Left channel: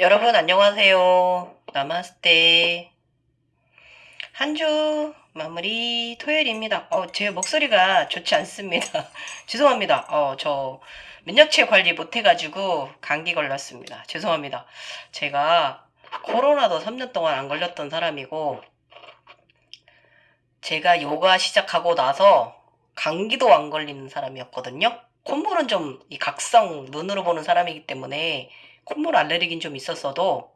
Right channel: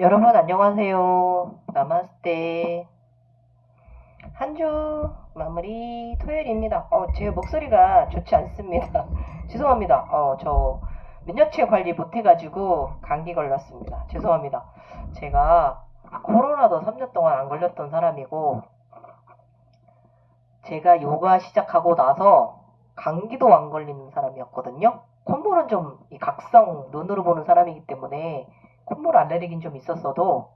여러분 안녕하세요. 나마스테. 한 주 마무리 토요일입니다. 제 목소리가 좋지 않습니다. 죄송합니다. 저 면역체 관리 못해가지고 감기 걸렸습니다. 죄송합니다. 제가 코로나도 3년 동안 안 걸렸던 사람이고, 제가 요가 시작하고 나서 감기도 안 걸리는 사람이었거든요. 콧물은 좀 이 각성 눈으로 보는 사람이기 때문에 콧물 알레르기는 좀 있었어도,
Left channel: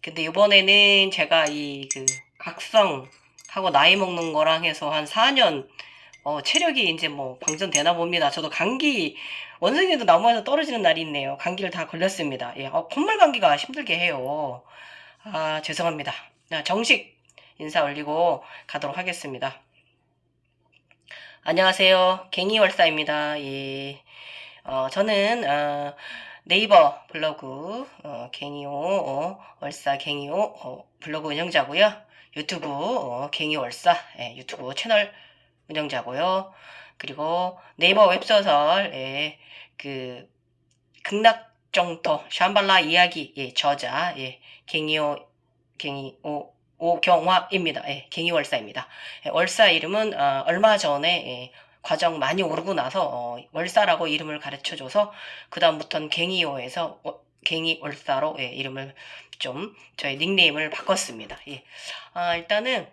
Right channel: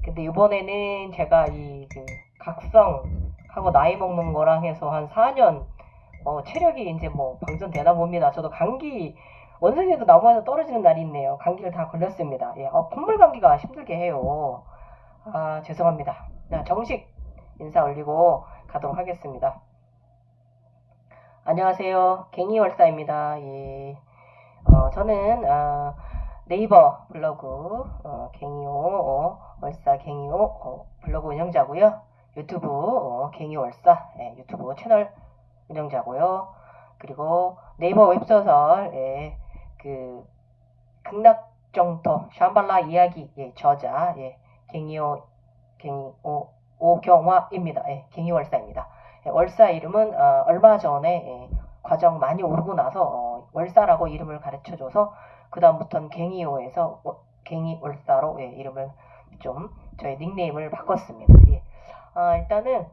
근데 이번에는 제가 이 그 각성하고 나이 먹는 거랑 해서 한 4년 체력이 이제 뭐 방전되나 봅니다. 저도 감기 원숭이도 나무에서 떨어지는 날이 있네요. 감기를 다 걸렸습니다. 예, 콧물 감기가 힘들게 해요. 아, 죄송합니다. 자, 정식 인사 올리고 가도록 하겠습니다. 안녕하세요. 갱이월사입니다. 예. 저는 네이버 블로그 갱이오 월사 갱이오 블로그 운영자고요. 유튜브 갱이월사 유튜브 채널 운영자고요. 그리고 네이버 웹소설 그 극락정토 샴발라 이야기 저자 갱이오 갱이오 오경화입니다. 갱이월사입니다. 월사 이름은 얼마 전에 과정 많이 오르고 나서 월사라고 이름을 가르쳐줘서 그 다음부터는 갱이오에서 갱이월사로 이름을 좀 저의 닉네임을 바꿨습니다. 일단은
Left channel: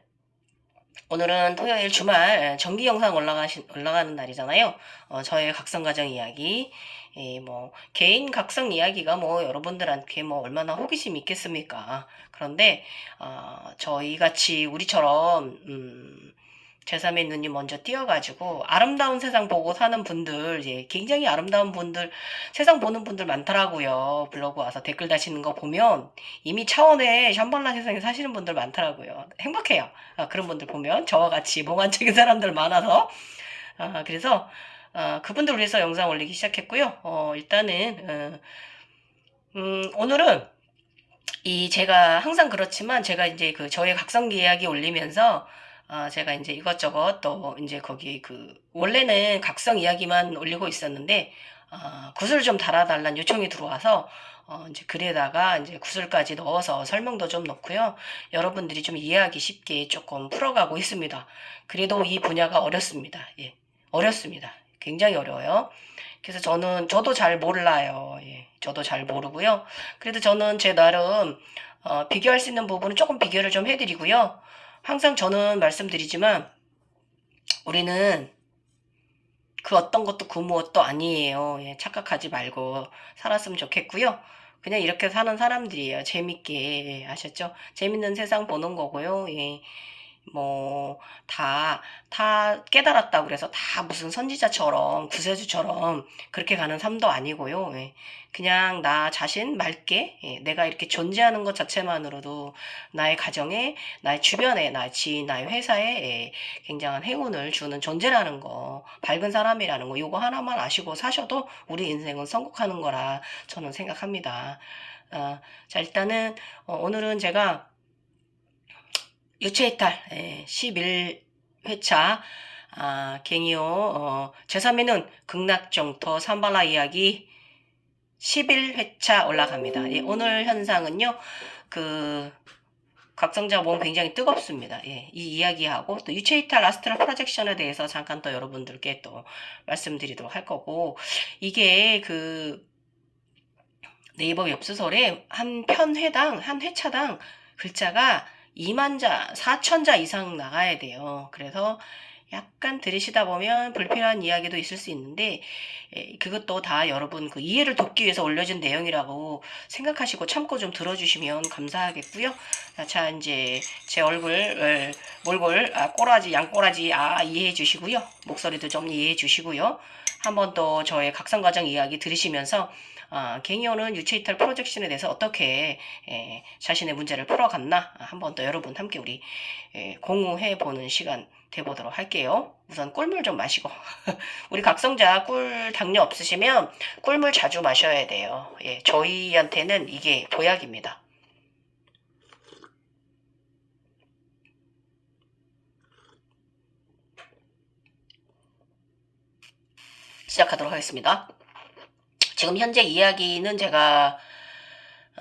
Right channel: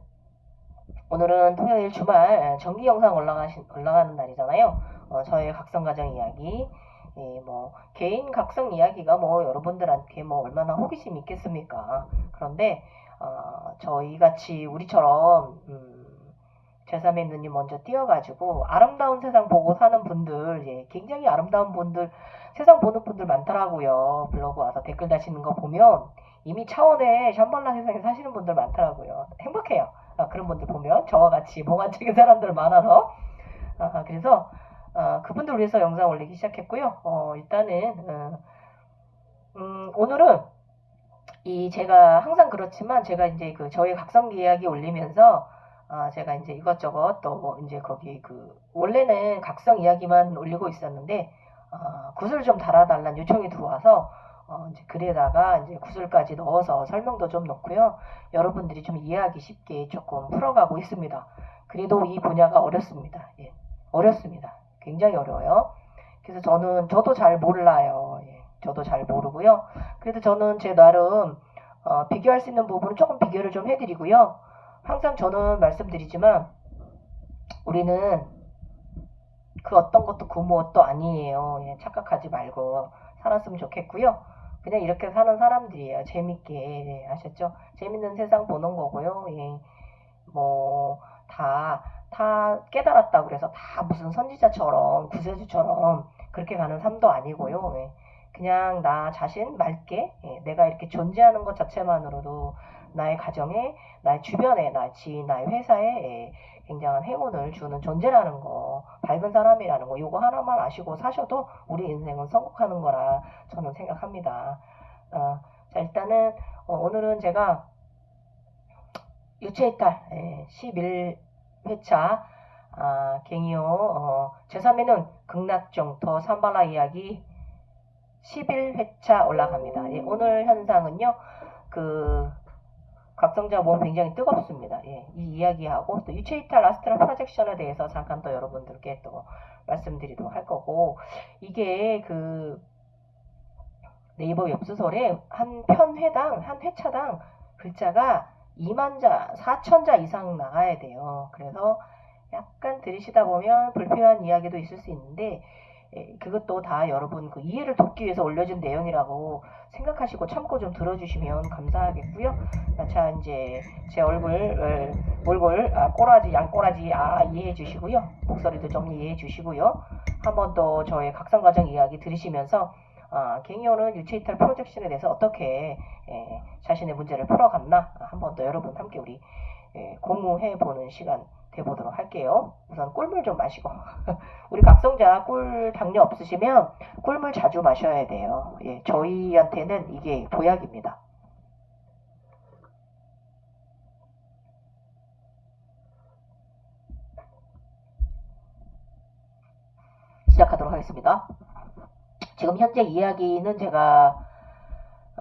오늘은 토요일 주말 정기 영상 올라가는 날이잖아요. 저의 각성가정 이야기, 뭐 개인 각성 이야기가 뭐 여러분들한테 뭐 얼마나 호기심 있겠습니까? 그런데 저희 같이 우리처럼 제3의 눈이 먼저 띄어가지고 아름다운 세상 보고 사는 분들, 굉장히 아름다운 분들, 세상 보는 분들 많더라고요. 블로그 와서 댓글 다시는 거 보면 이미 차원의 샴발라 세상에 사시는 분들 많더라고요. 행복해요. 그런 분들 보면 저와 같이 몽환적인 사람들 많아서 그래서 그분들 위해서 영상 올리기 시작했고요. 일단은 오늘은 제가 항상 그렇지만 제가 이제 그 저희 각성기 이야기 올리면서 제가 이제 이것저것 또 이제 거기 원래는 각성 이야기만 올리고 있었는데 구슬 좀 달아달라는 요청이 들어와서 이제 글에다가 이제 구슬까지 넣어서 설명도 좀 넣고요. 여러분들이 좀 이해하기 쉽게 조금 풀어가고 있습니다. 그래도 이 분야가 어렵습니다. 예, 어렵습니다. 굉장히 어려워요. 그래서 저도 잘 몰라요. 저도 잘 모르고요. 그래도 저는 제 나름 비교할 수 있는 부분은 조금 비교를 좀 해드리고요. 항상 저는 말씀드리지만 우리는 그 어떤 것도 그 무엇도 아니에요. 착각하지 말고 살았으면 좋겠고요. 그냥 이렇게 사는 사람들이에요. 재밌게 아셨죠? 재밌는 세상 보는 거고요. 뭐, 다 깨달았다 그래서 다 무슨 선지자처럼, 구세주처럼 그렇게 가는 삶도 아니고요. 그냥 나 자신 맑게, 내가 이렇게 존재하는 것 자체만으로도 나의 가정에, 나의 주변에, 나의 지인, 나의 회사에 굉장한 행운을 주는 존재라는 거, 밝은 사람이라는 거, 이거 하나만 아시고 사셔도 우리 인생은 성공하는 거라 저는 생각합니다. 자, 일단은, 오늘은 제가 유체이탈 11회차 갱이오 제3회는 극락정토 삼발라 이야기 11회차 올라갑니다. 오늘 현상은요. 그 각성자 몸 굉장히 뜨겁습니다. 이 이야기하고 또 유체이탈 아스트랄 프로젝션에 대해서 잠깐 또 여러분들께 또 말씀드리도록 할 거고, 이게 네이버 웹소설에 한 편회당 한 회차당 글자가 2만 자, 4천 자 이상 나가야 돼요. 그래서 약간 들으시다 보면 불필요한 이야기도 있을 수 있는데 그것도 다 여러분 그 이해를 돕기 위해서 올려준 내용이라고 생각하시고 참고 좀 들어주시면 감사하겠고요. 자, 이제 제 얼굴 꼬라지 양꼬라지 이해해 주시고요. 목소리도 좀 이해해 주시고요. 한번 또 저의 각성과정 이야기 들으시면서 갱이오는 유체이탈 프로젝션에 대해서 어떻게 자신의 문제를 풀어갔나 한번 더 여러분 함께 우리 공유해 보는 시간 돼보도록 할게요. 우선 꿀물 좀 마시고 우리 각성자 꿀 당뇨 없으시면 꿀물 자주 마셔야 돼요. 저희한테는 이게 보약입니다. 시작하도록 하겠습니다. 지금 현재 이야기는 제가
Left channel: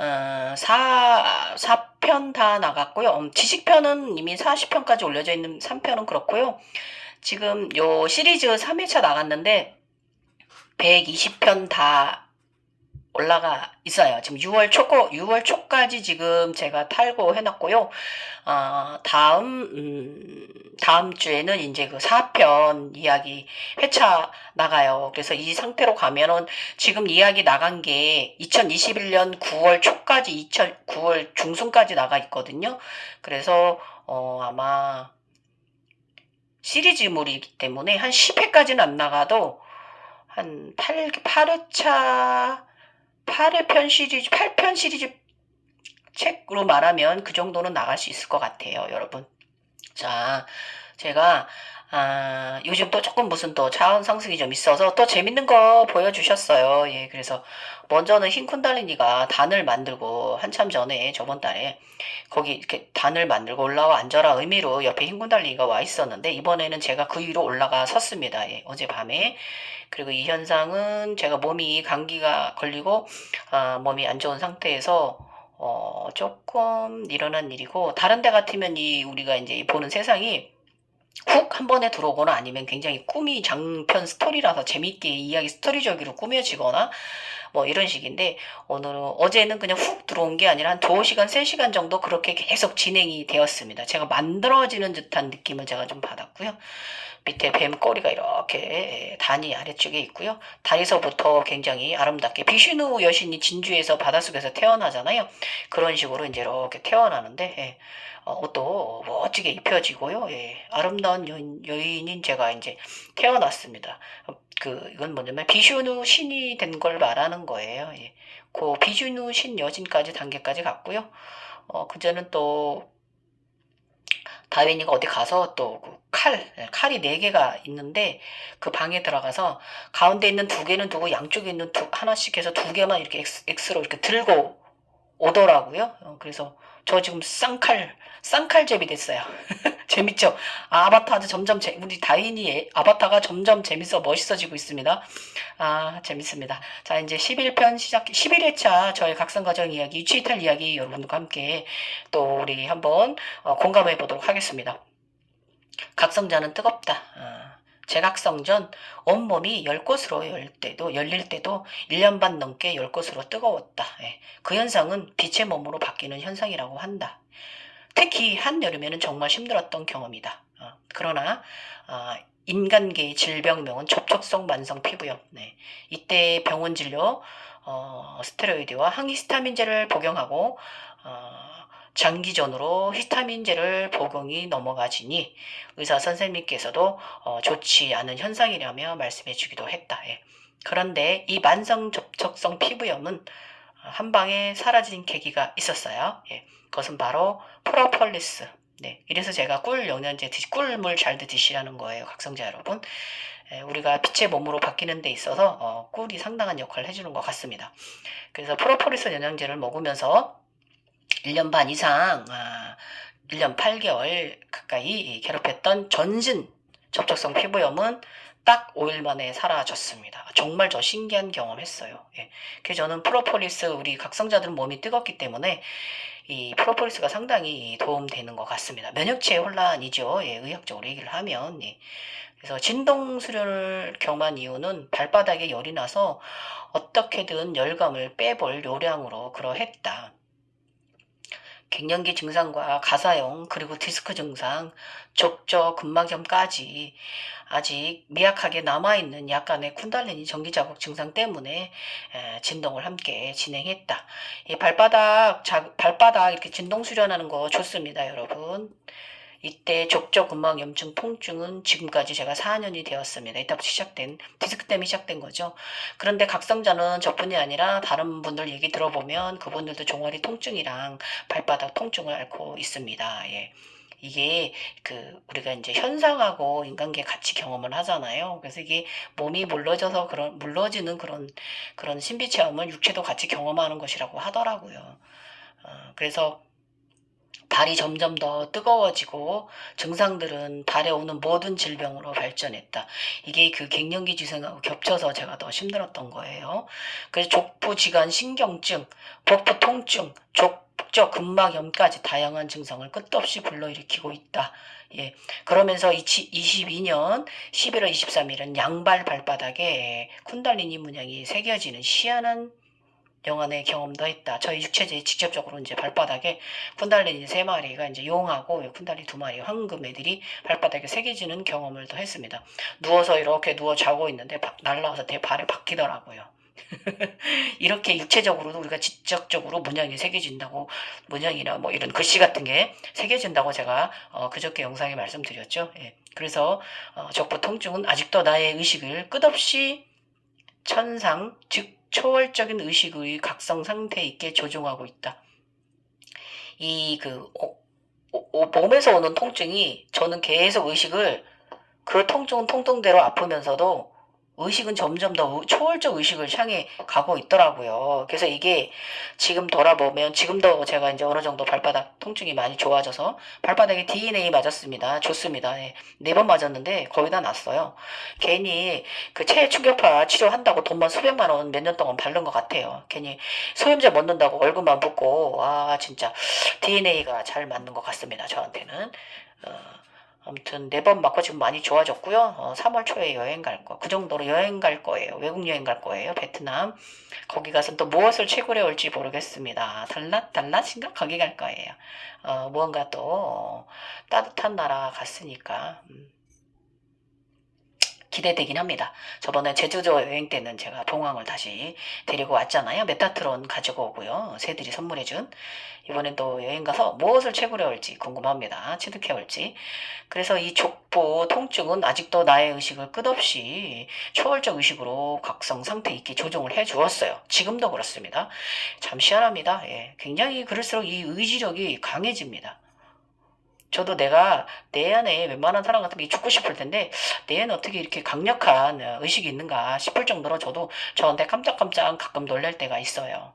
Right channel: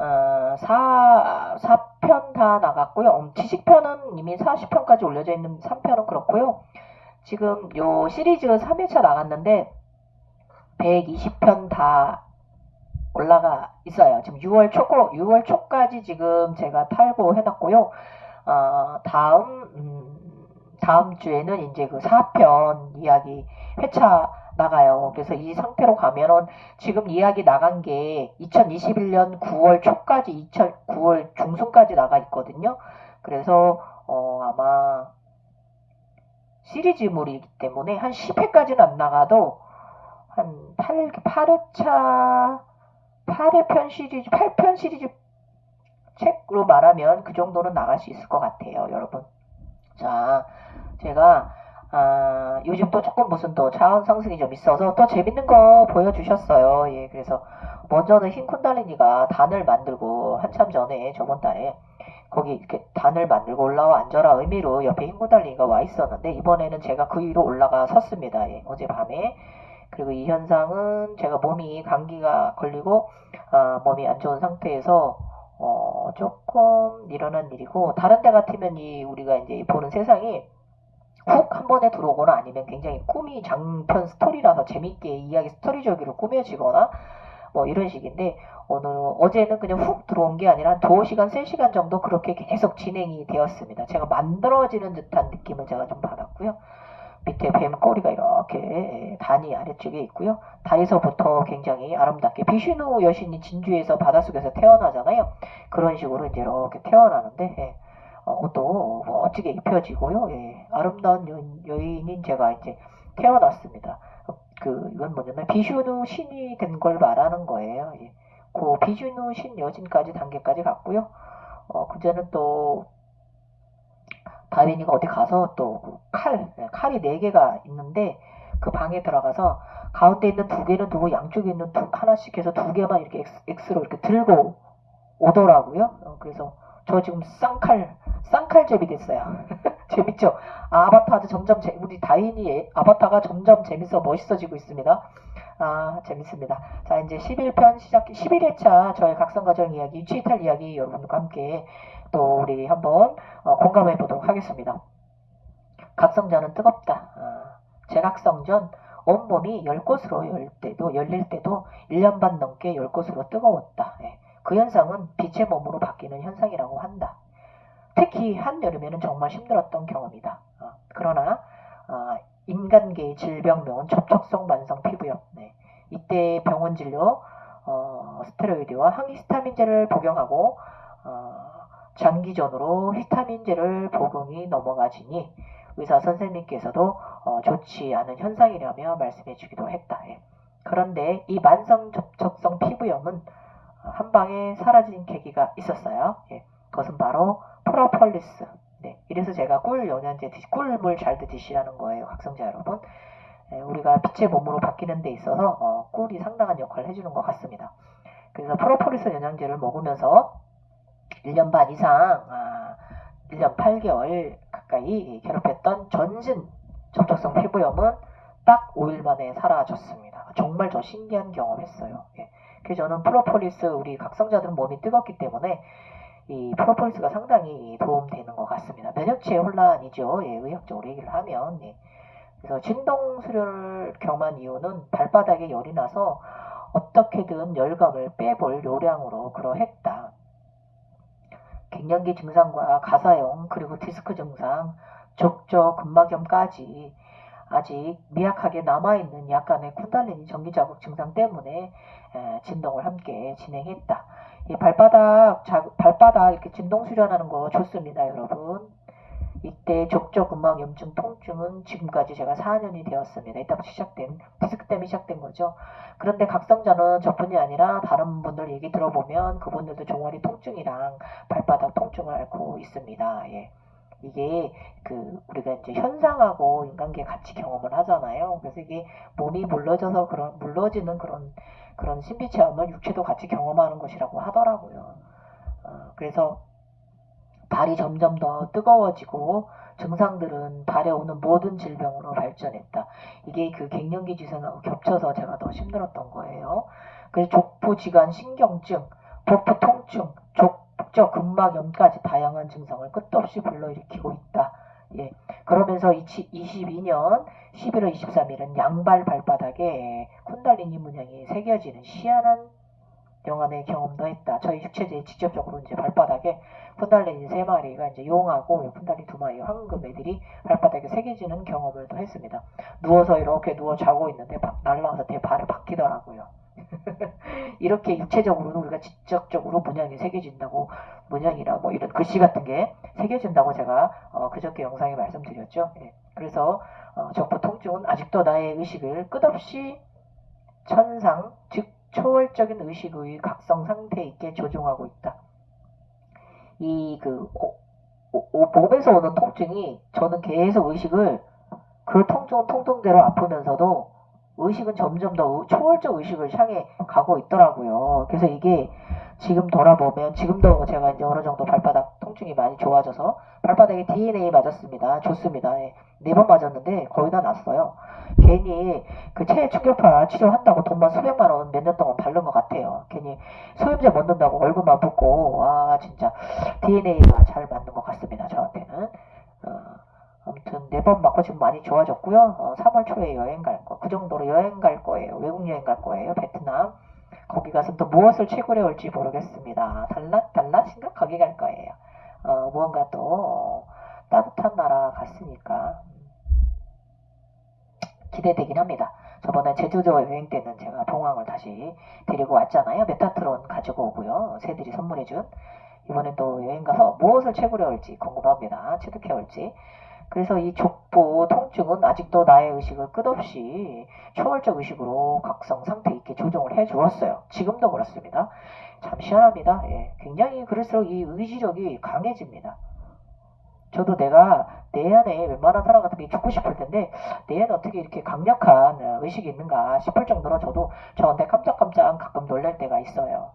4편 다 나갔고요. 지식편은 이미 40편까지 올려져 있는 3편은 그렇고요. 지금 요 시리즈 3회차 나갔는데 120편 다 올라가 있어요. 지금 6월 초까지 지금 제가 탈고 해놨고요. 다음 주에는 이제 그 4편 이야기 회차 나가요. 그래서 이 상태로 가면은 지금 이야기 나간 게 2021년 9월 초까지 9월 중순까지 나가 있거든요. 그래서 아마 시리즈물이기 때문에 한 10회까지는 안 나가도 한 8회차 8편 시리즈 책으로 말하면 그 정도는 나갈 수 있을 것 같아요, 여러분. 자, 제가 요즘 또 조금 무슨 또 자원 상승이 좀 있어서 또 재밌는 거 보여주셨어요. 예, 그래서 먼저는 흰 쿤달리니가 단을 만들고 한참 전에 저번 달에 거기 이렇게 단을 만들고 올라와 앉아라 의미로 옆에 흰 쿤달리니가 와 있었는데 이번에는 제가 그 위로 올라가 섰습니다. 예, 어젯밤에. 그리고 이 현상은 제가 몸이 감기가 걸리고 몸이 안 좋은 상태에서 조금 일어난 일이고 다른 데 같으면 이 우리가 이제 보는 세상이 훅 한 번에 들어오거나 아니면 굉장히 꿈이 장편 스토리라서 재밌게 이야기 스토리적으로 꾸며지거나 뭐 이런 식인데 어제는 그냥 훅 들어온 게 아니라 한 2시간, 3시간 정도 그렇게 계속 진행이 되었습니다. 제가 만들어지는 듯한 느낌을 제가 좀 받았고요. 밑에 뱀 꼬리가 이렇게 단이 아래쪽에 있고요. 다리서부터 굉장히 아름답게 비슈누 여신이 진주에서 바닷속에서 태어나잖아요. 그런 식으로 이제 이렇게 태어나는데 옷도 멋지게 입혀지고요. 예, 아름다운 여인인 제가 이제 태어났습니다. 이건 뭐냐면 비슈누 신이 된 걸 말하는 거예요. 예. 그 비슈누 신 여신까지 단계까지 갔고요. 그제는 또 다윈이가 어디 가서 또 칼이 4개가 있는데 그 방에 들어가서 가운데 있는 2개는 두고 양쪽에 있는 하나씩 해서 2개만 이렇게 X로 이렇게 들고 오더라고요. 그래서 저 지금 쌍칼잽이 됐어요. 재밌죠? 아바타도 우리 다인이 아바타가 점점 재밌어 멋있어지고 있습니다. 재밌습니다. 자, 이제 11회차 저의 각성가정 이야기, 유치이탈 이야기 여러분과 함께 또 우리 한번 공감해 보도록 하겠습니다. 각성자는 뜨겁다. 재각성전 온몸이 열릴 때도 1년 반 넘게 열 곳으로 뜨거웠다. 예. 그 현상은 빛의 몸으로 바뀌는 현상이라고 한다. 특히 한여름에는 정말 힘들었던 경험이다. 그러나 인간계의 질병명은 접촉성 만성 피부염. 네. 이때 병원 진료, 스테로이드와 항히스타민제를 복용하고 장기전으로 히스타민제를 복용이 넘어가지니 의사 선생님께서도 좋지 않은 현상이라며 말씀해 주기도 했다. 예. 그런데 이 만성 접촉성 피부염은 한 방에 사라진 계기가 있었어요. 예. 그것은 바로 프로폴리스. 네. 이래서 제가 꿀물 잘 드시라는 거예요, 각성자 여러분. 우리가 빛의 몸으로 바뀌는 데 있어서 꿀이 상당한 역할을 해주는 것 같습니다. 그래서 프로폴리스 영양제를 먹으면서 1년 반 이상, 1년 8개월 가까이 괴롭혔던 전신 접촉성 피부염은 딱 5일 만에 사라졌습니다. 정말 저 신기한 경험했어요. 예. 그래서 저는 프로폴리스 우리 각성자들은 몸이 뜨겁기 때문에 이 프로폴리스가 상당히 도움되는 것 같습니다. 면역체의 혼란이죠. 예, 의학적으로 얘기를 하면. 예. 그래서 진동 수련을 경험한 이유는 발바닥에 열이 나서 어떻게든 열감을 빼볼 요량으로 그러했다. 갱년기 증상과 가사형 그리고 디스크 증상, 족저 근막염까지 아직 미약하게 남아있는 약간의 쿤달리니 전기자극 증상 때문에 진동을 함께 진행했다. 이 발바닥 이렇게 진동 수련하는 거 좋습니다, 여러분. 이때 족저근막염증 통증은 지금까지 제가 4년이 되었습니다. 이때부터 시작된 디스크 때문에 시작된 거죠. 그런데 각성자는 저뿐이 아니라 다른 분들 얘기 들어보면 그분들도 종아리 통증이랑 발바닥 통증을 앓고 있습니다. 예. 이게 우리가 이제 현상하고 인간계 같이 경험을 하잖아요. 그래서 이게 몸이 물러지는 그런 신비 체험을 육체도 같이 경험하는 것이라고 하더라고요. 그래서 달이 점점 더 뜨거워지고 증상들은 달에 오는 모든 질병으로 발전했다. 이게 그 갱년기 증상하고 겹쳐서 제가 더 힘들었던 거예요. 그래서 족부지간 신경증, 복부 통증, 족저 근막염까지 다양한 증상을 끝없이 불러일으키고 있다. 예. 그러면서 22년 11월 23일은 양발 발바닥에 쿤달리니 문양이 새겨지는 희한한 영안의 경험도 했다. 저희 육체제에 직접적으로 이제 발바닥에 쿤달리니 3마리가 이제 용하고 쿤달리 2마리 황금 애들이 발바닥에 새겨지는 경험을 또 했습니다. 누워서 이렇게 누워 자고 있는데 날라와서 내 발에 박히더라고요. 이렇게 육체적으로도 우리가 직접적으로 문양이 새겨진다고, 문양이나 뭐 이런 글씨 같은 게 새겨진다고 제가 그저께 영상에 말씀드렸죠. 예. 그래서 족부 통증은 아직도 나의 의식을 끝없이 천상 즉 초월적인 의식의 각성 상태 있게 조종하고 있다. 이 몸에서 오는 통증이 저는 계속 의식을 그 통증은 통증대로 아프면서도 의식은 점점 더 초월적 의식을 향해 가고 있더라고요. 그래서 이게 지금 돌아보면 지금도 제가 이제 어느 정도 발바닥 통증이 많이 좋아져서 발바닥에 DNA 맞았습니다. 좋습니다. 네. 4번 맞았는데 거의 다 났어요. 괜히 그 체해 충격파 치료한다고 돈만 수백만 원 몇 년 동안 바른 것 같아요. 괜히 소염제 못 넣는다고 얼굴만 붓고 진짜 DNA가 잘 맞는 것 같습니다. 저한테는. 아무튼 4번 맞고 지금 많이 좋아졌고요. 3월 초에 여행 갈 거. 그 정도로 여행 갈 거예요. 외국 여행 갈 거예요. 베트남. 거기 가서 또 무엇을 채굴해 올지 모르겠습니다. 달랏 심각하게 갈 거예요. 무언가 또 따뜻한 나라 갔으니까 기대되긴 합니다. 저번에 제주도 여행 때는 제가 봉황을 다시 데리고 왔잖아요. 메타트론 가지고 오고요. 새들이 선물해준. 이번엔 또 여행 가서 무엇을 채굴해 올지 궁금합니다. 취득해 올지. 그래서 이 족부 통증은 아직도 나의 의식을 끝없이 초월적 의식으로 각성 상태 있게 조정을 해 주었어요. 지금도 그렇습니다. 참 희한합니다. 예, 굉장히 그럴수록 이 의지력이 강해집니다. 저도 내가 내 안에 웬만한 사람 같은 게 죽고 싶을 텐데 내 안에 어떻게 이렇게 강력한 의식이 있는가 싶을 정도로 저도 저한테 깜짝깜짝 가끔 놀랄 때가 있어요.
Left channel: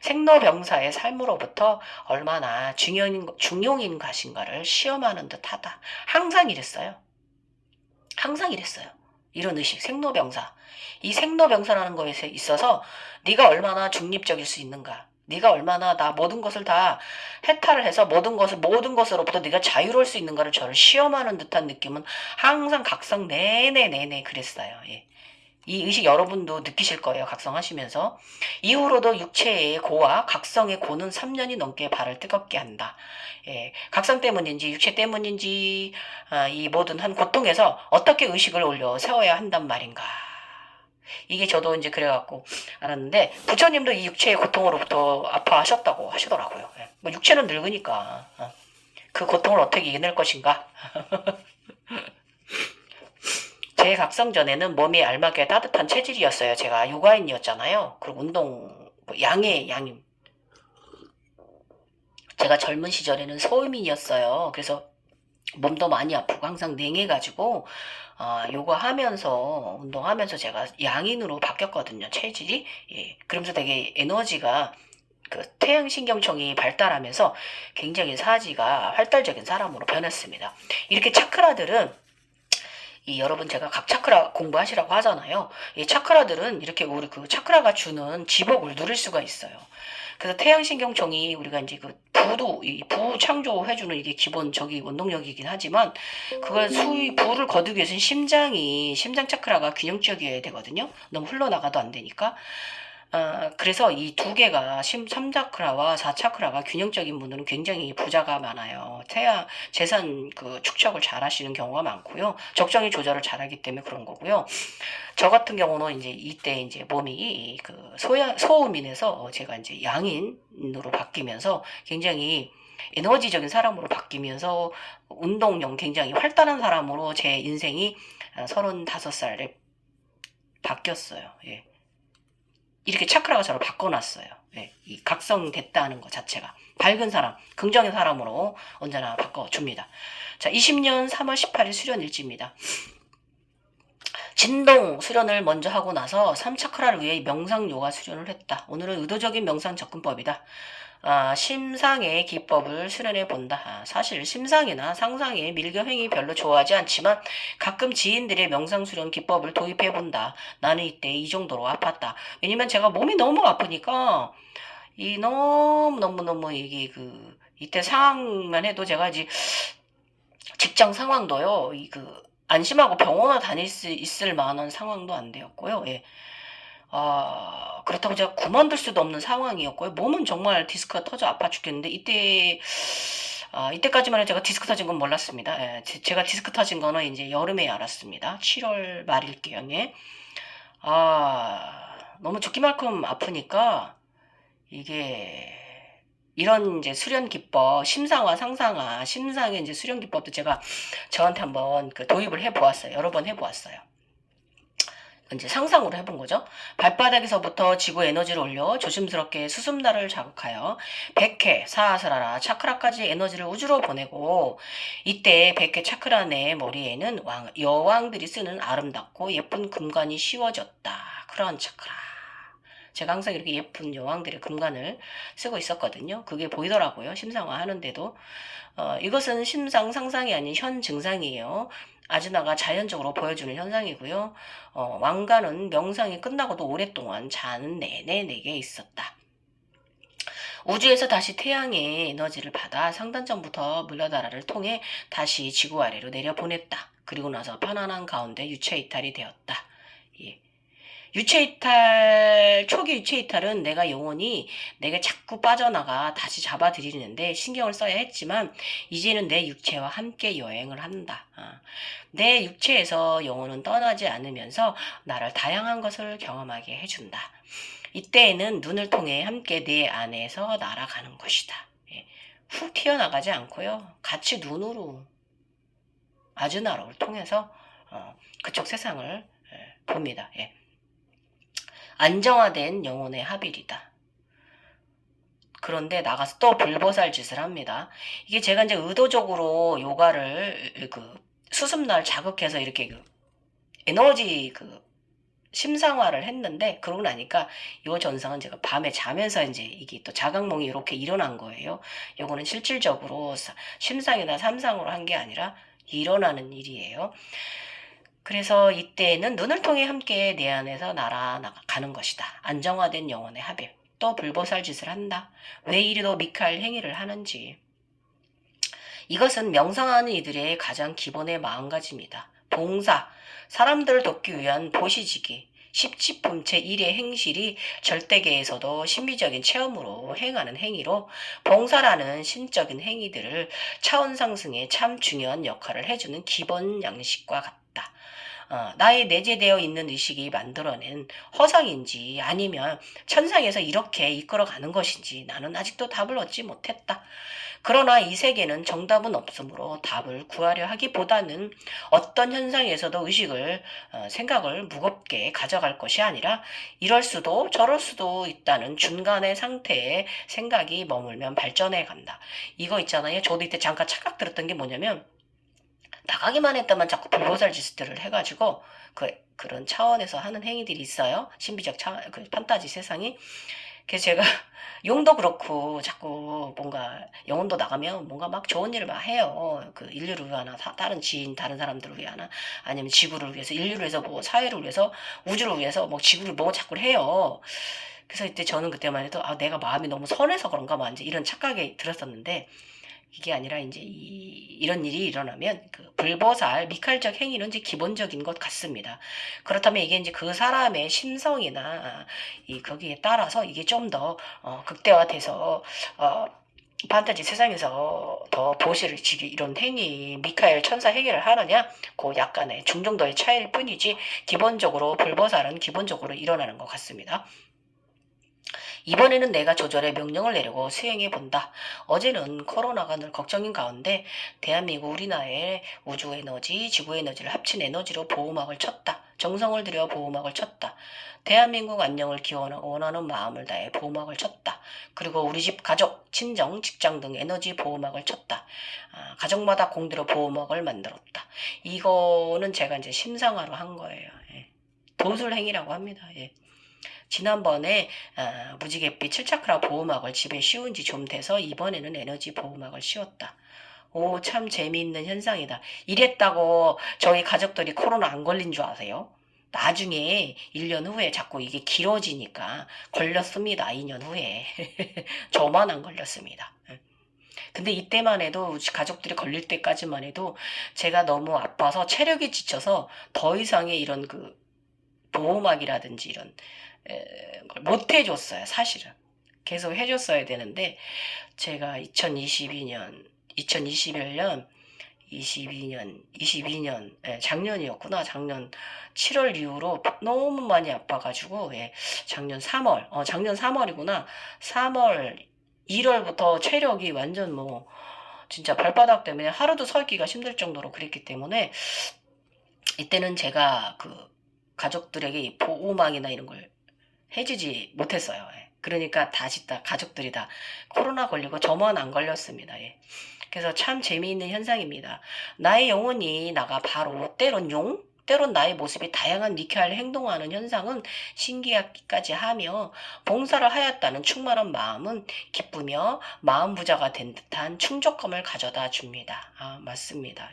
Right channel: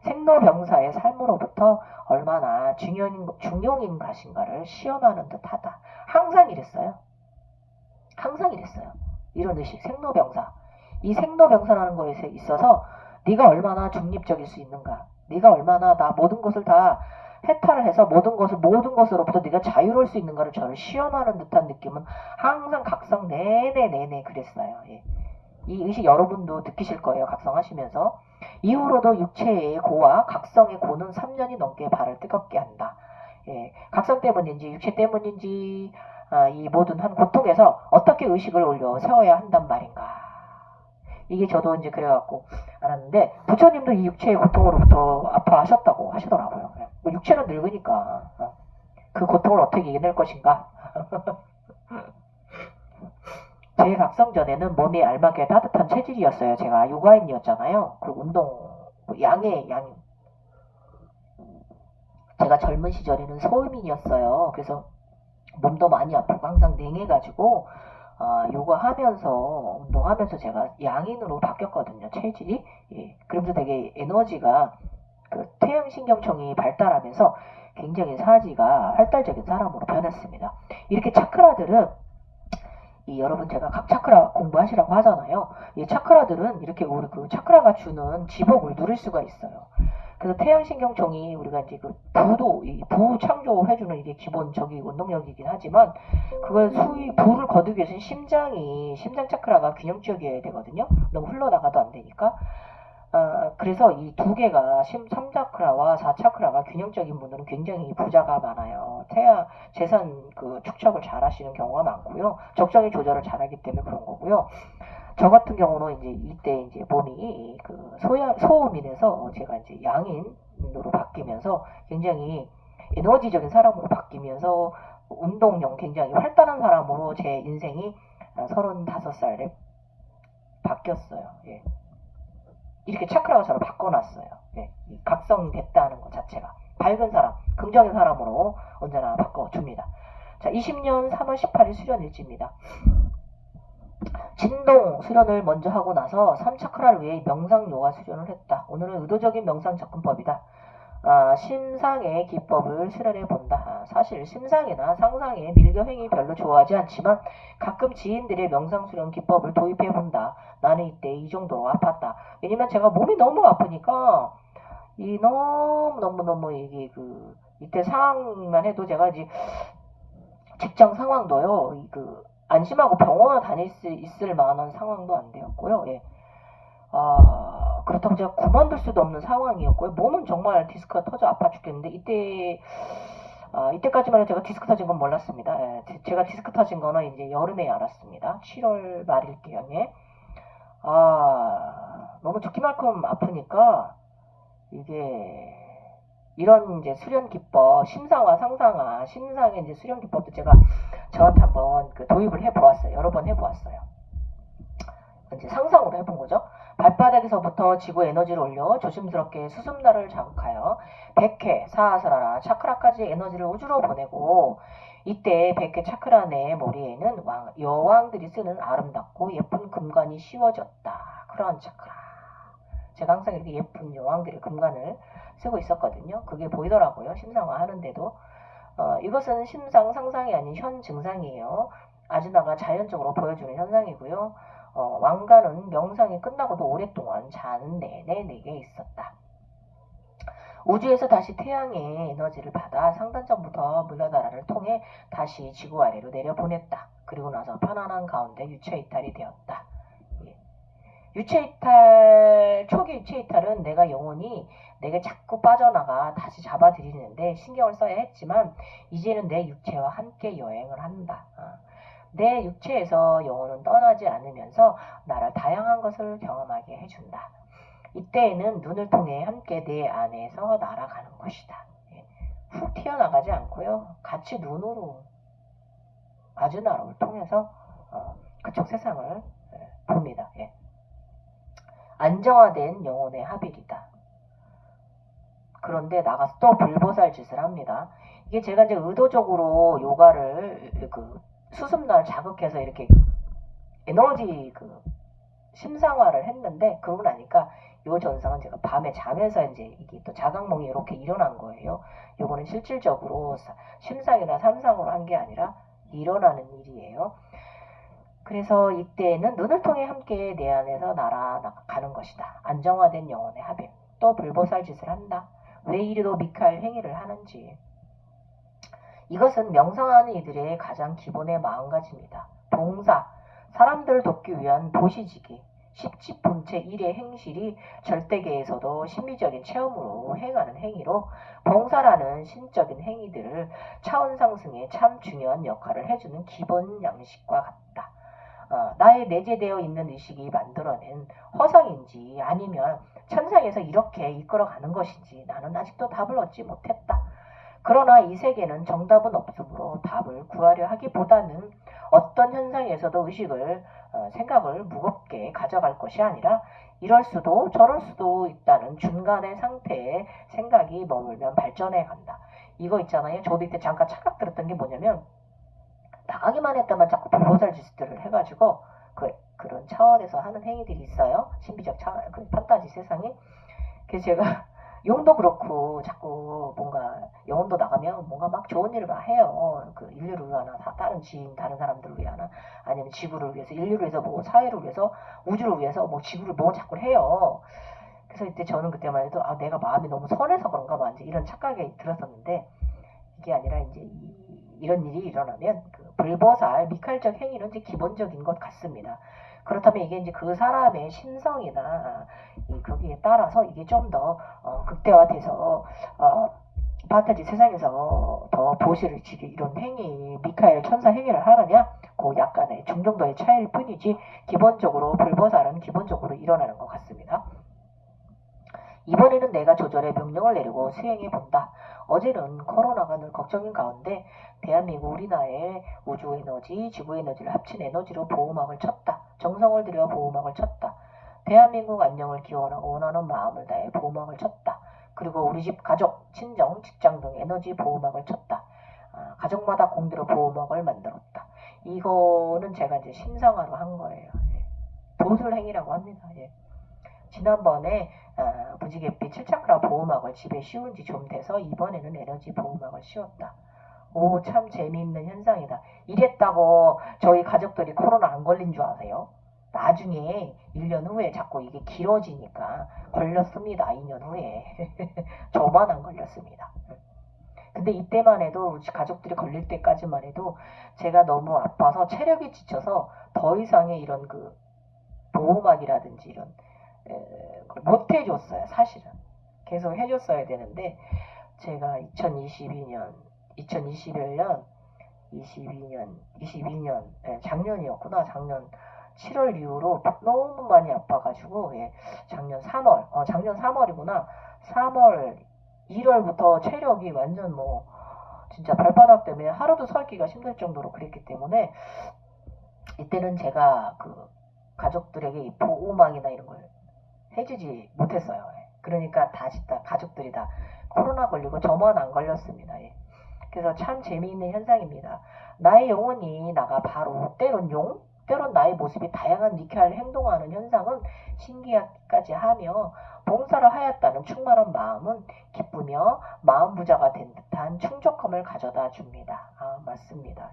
생로병사의 삶으로부터 얼마나 중용인 것인가를 시험하는 듯하다. 항상 이랬어요. 항상 이랬어요. 이런 의식, 생로병사. 이 생로병사라는 것에 있어서 네가 얼마나 중립적일 수 있는가. 네가 얼마나 나 모든 것을 다 해탈을 해서 모든 것으로부터 네가 자유로울 수 있는가를 저를 시험하는 듯한 느낌은 항상 각성 내내 그랬어요. 예. 이 의식 여러분도 느끼실 거예요. 각성하시면서. 이후로도 육체의 고와 각성의 고는 3년이 넘게 발을 뜨겁게 한다. 예, 각성 때문인지 육체 때문인지 이 모든 한 고통에서 어떻게 의식을 올려 세워야 한단 말인가. 이게 저도 이제 그래갖고 알았는데 부처님도 이 육체의 고통으로부터 아파하셨다고 하시더라고요. 예. 뭐 육체는 늙으니까 그 고통을 어떻게 이겨낼 것인가. 제 각성 전에는 몸이 알맞게 따뜻한 체질이었어요. 제가 요가인이었잖아요. 그리고 운동 양의 제가 젊은 시절에는 소음인이었어요. 그래서 몸도 많이 아프고 항상 냉해가지고 요가하면서 운동하면서 제가 양인으로 바뀌었거든요. 체질이. 예. 그러면서 되게 에너지가 그 태양신경청이 발달하면서 굉장히 사지가 활달적인 사람으로 변했습니다. 이렇게 차크라들은 여러분 제가 각 차크라 공부하시라고 하잖아요. 이 차크라들은 이렇게 우리 그 차크라가 주는 지복을 누릴 수가 있어요. 그래서 태양신경청이 우리가 이제 그 부 창조해주는 이게 기본적인 원동력이긴 하지만 그걸 부를 거두기 위해서는 심장 차크라가 균형적이어야 되거든요. 너무 흘러나가도 안 되니까. 그래서 이 2개가 3차크라와 4차크라가 균형적인 분들은 굉장히 부자가 많아요. 재산 그 축적을 잘 하시는 경우가 많고요. 적정히 조절을 잘 하기 때문에 그런 거고요. 저 같은 경우는 이제 이때 이제 몸이 그 소음인에서 제가 이제 양인으로 바뀌면서 굉장히 에너지적인 사람으로 바뀌면서 운동용 굉장히 활달한 사람으로 제 인생이 35살에 바뀌었어요. 예. 이렇게 차크라가 저를 바꿔놨어요. 네, 이 각성됐다는 것 자체가 밝은 사람, 긍정의 사람으로 언제나 바꿔줍니다. 자, 20년 3월 18일 수련일지입니다. 진동 수련을 먼저 하고 나서 3차크라를 위해 명상 요가 수련을 했다. 오늘은 의도적인 명상 접근법이다. 심상의 기법을 수련해 본다. 사실 심상이나 상상의 밀교행위 별로 좋아하지 않지만 가끔 지인들의 명상수련 기법을 도입해 본다. 나는 이때 이 정도로 아팠다. 왜냐면 제가 몸이 너무 아프니까 이 너무 이게 이때 상황만 해도 제가 이제 직장 상황도요. 안심하고 병원을 다닐 수 있을 만한 상황도 안 되었고요. 예. 그렇다고 제가 그만둘 수도 없는 상황이었고요. 몸은 정말 디스크가 터져 아파 죽겠는데 이때까지만 해도 제가 디스크 터진 건 몰랐습니다. 예, 제가 디스크 터진 거는 이제 여름에 알았습니다. 7월 말일경에. 너무 죽기 만큼 아프니까 이게 이런 이제 수련 기법, 심상화, 상상화, 심상의 이제 수련 기법도 제가 저한테 한번 도입을 해보았어요. 여러 번 해보았어요. 이제 상상으로 해본 거죠. 발바닥에서부터 지구 에너지를 올려 조심스럽게 수습나를 자극하여 백회, 사하스라라, 차크라까지 에너지를 우주로 보내고 이때 백회 차크라 내 머리에는 여왕들이 쓰는 아름답고 예쁜 금관이 씌워졌다. 그런 차크라. 제가 항상 이렇게 예쁜 여왕들의 금관을 쓰고 있었거든요. 그게 보이더라고요. 심상화 하는데도. 이것은 심상 상상이 아닌 현 증상이에요. 아즈나가 자연적으로 보여주는 현상이고요. 왕관은 명상이 끝나고도 오랫동안 자는 내내 내게 있었다. 우주에서 다시 태양의 에너지를 받아 상단점부터 물러다라를 통해 다시 지구 아래로 내려보냈다. 그리고 나서 편안한 가운데 유체이탈이 되었다. 예. 초기 유체이탈은 내가 영혼이 내게 자꾸 빠져나가 다시 잡아들이는데 신경을 써야 했지만 이제는 내 육체와 함께 여행을 한다. 내 육체에서 영혼은 떠나지 않으면서 나를 다양한 것을 경험하게 해준다. 이때에는 눈을 통해 함께 내 안에서 날아가는 것이다. 예. 훅 튀어나가지 않고요. 같이 눈으로 아즈나로를 통해서 그쪽 세상을 봅니다. 예. 안정화된 영혼의 합일이다. 그런데 나가서 또 불보살 짓을 합니다. 이게 제가 이제 의도적으로 요가를 수습날 자극해서 이렇게 에너지 심상화를 했는데 그러고 나니까 요 전상은 제가 밤에 자면서 이제 이게 또 자각몽이 이렇게 일어난 거예요. 요거는 실질적으로 심상이나 삼상으로 한 게 아니라 일어나는 일이에요. 그래서 이때는 눈을 통해 함께 내 안에서 날아가는 것이다. 안정화된 영혼의 합일. 또 불보살 짓을 한다. 왜 이리도 미카엘 행위를 하는지. 이것은 명상하는 이들의 가장 기본의 마음가짐이다. 봉사, 사람들을 돕기 위한 보시지기, 십지품체 일의 행실이 절대계에서도 심미적인 체험으로 행하는 행위로 봉사라는 신적인 행위들을 차원 상승에 참 중요한 역할을 해주는 기본 양식과 같다. 나의 내재되어 있는 의식이 만들어낸 허상인지 아니면 천상에서 이렇게 이끌어가는 것인지 나는 아직도 답을 얻지 못했다. 그러나 이 세계는 정답은 없으므로 답을 구하려 하기보다는 어떤 현상에서도 생각을 무겁게 가져갈 것이 아니라 이럴 수도 저럴 수도 있다는 중간의 상태에 생각이 머물면 발전해 간다. 이거 있잖아요. 저도 이때 잠깐 착각 들었던 게 뭐냐면 나가기만 했다만 자꾸 불보살 짓들을 해가지고 그런 차원에서 하는 행위들이 있어요. 신비적 판타지 세상이. 그래서 제가 용도 그렇고 자꾸 뭔가 영혼도 나가면 뭔가 막 좋은 일을 막 해요. 인류를 위하나 다른 지인 다른 사람들을 위하나 아니면 지구를 위해서 인류를 위해서 뭐 사회를 위해서 우주를 위해서 뭐 지구를 뭐 자꾸 해요. 그래서 이때 저는 그때만 해도 내가 마음이 너무 선해서 그런가 봐 이제 이런 착각이 들었었는데 이게 아니라 이제 이런 일이 일어나면 불보살 미칼적 행위는 이제 기본적인 것 같습니다. 그렇다면 이게 이제 그 사람의 심성이나 거기에 따라서 이게 좀 더 극대화돼서 판타지 세상에서 더 보시를 지기 이런 행위 미카엘 천사 행위를 하느냐 그 약간의 중정도의 차이일 뿐이지 기본적으로 불보살은 기본적으로 일어나는 것 같습니다. 이번에는 내가 조절해 명령을 내리고 수행해 본다. 어제는 코로나가 늘 걱정인 가운데 대한민국 우리나라의 우주 에너지, 지구 에너지를 합친 에너지로 보호막을 쳤다. 정성을 들여 보호막을 쳤다. 대한민국 안녕을 원하는 마음을 다해 보호막을 쳤다. 그리고 우리 집 가족, 친정, 직장 등 에너지 보호막을 쳤다. 가족마다 공들여 보호막을 만들었다. 이거는 제가 이제 심상화로 한 거예요. 예. 도술행위라고 합니다. 예. 지난번에 무지갯빛 7차크라 보호막을 집에 씌운 지 좀 돼서 이번에는 에너지 보호막을 씌웠다. 오, 참 재미있는 현상이다. 이랬다고 저희 가족들이 코로나 안 걸린 줄 아세요? 나중에 1년 후에 자꾸 이게 길어지니까 걸렸습니다. 2년 후에. 저만 안 걸렸습니다. 근데 이때만 해도 가족들이 걸릴 때까지만 해도 제가 너무 아파서 체력이 지쳐서 더 이상의 이런 그 보호막이라든지 이런 걸 못 해줬어요. 사실은. 계속 해줬어야 되는데 제가 2021년 22년 작년이었구나. 작년 7월 이후로 너무 많이 아파가지고 작년 3월 작년 3월이구나. 3월 1월부터 체력이 완전 뭐 진짜 발바닥 때문에 하루도 서기가 힘들 정도로 그랬기 때문에 이때는 제가 그 가족들에게 이 보호막이나 이런 걸 해주지 못했어요. 그러니까 다시 다 가족들이 다 코로나 걸리고 저만 안 걸렸습니다. 그래서 참 재미있는 현상입니다. 나의 영혼이 나가 바로 때론 때론 나의 모습이 다양한 미케알 행동하는 현상은 신기하기까지 하며 봉사를 하였다는 충만한 마음은 기쁘며 마음 부자가 된 듯한 충족감을 가져다 줍니다. 맞습니다.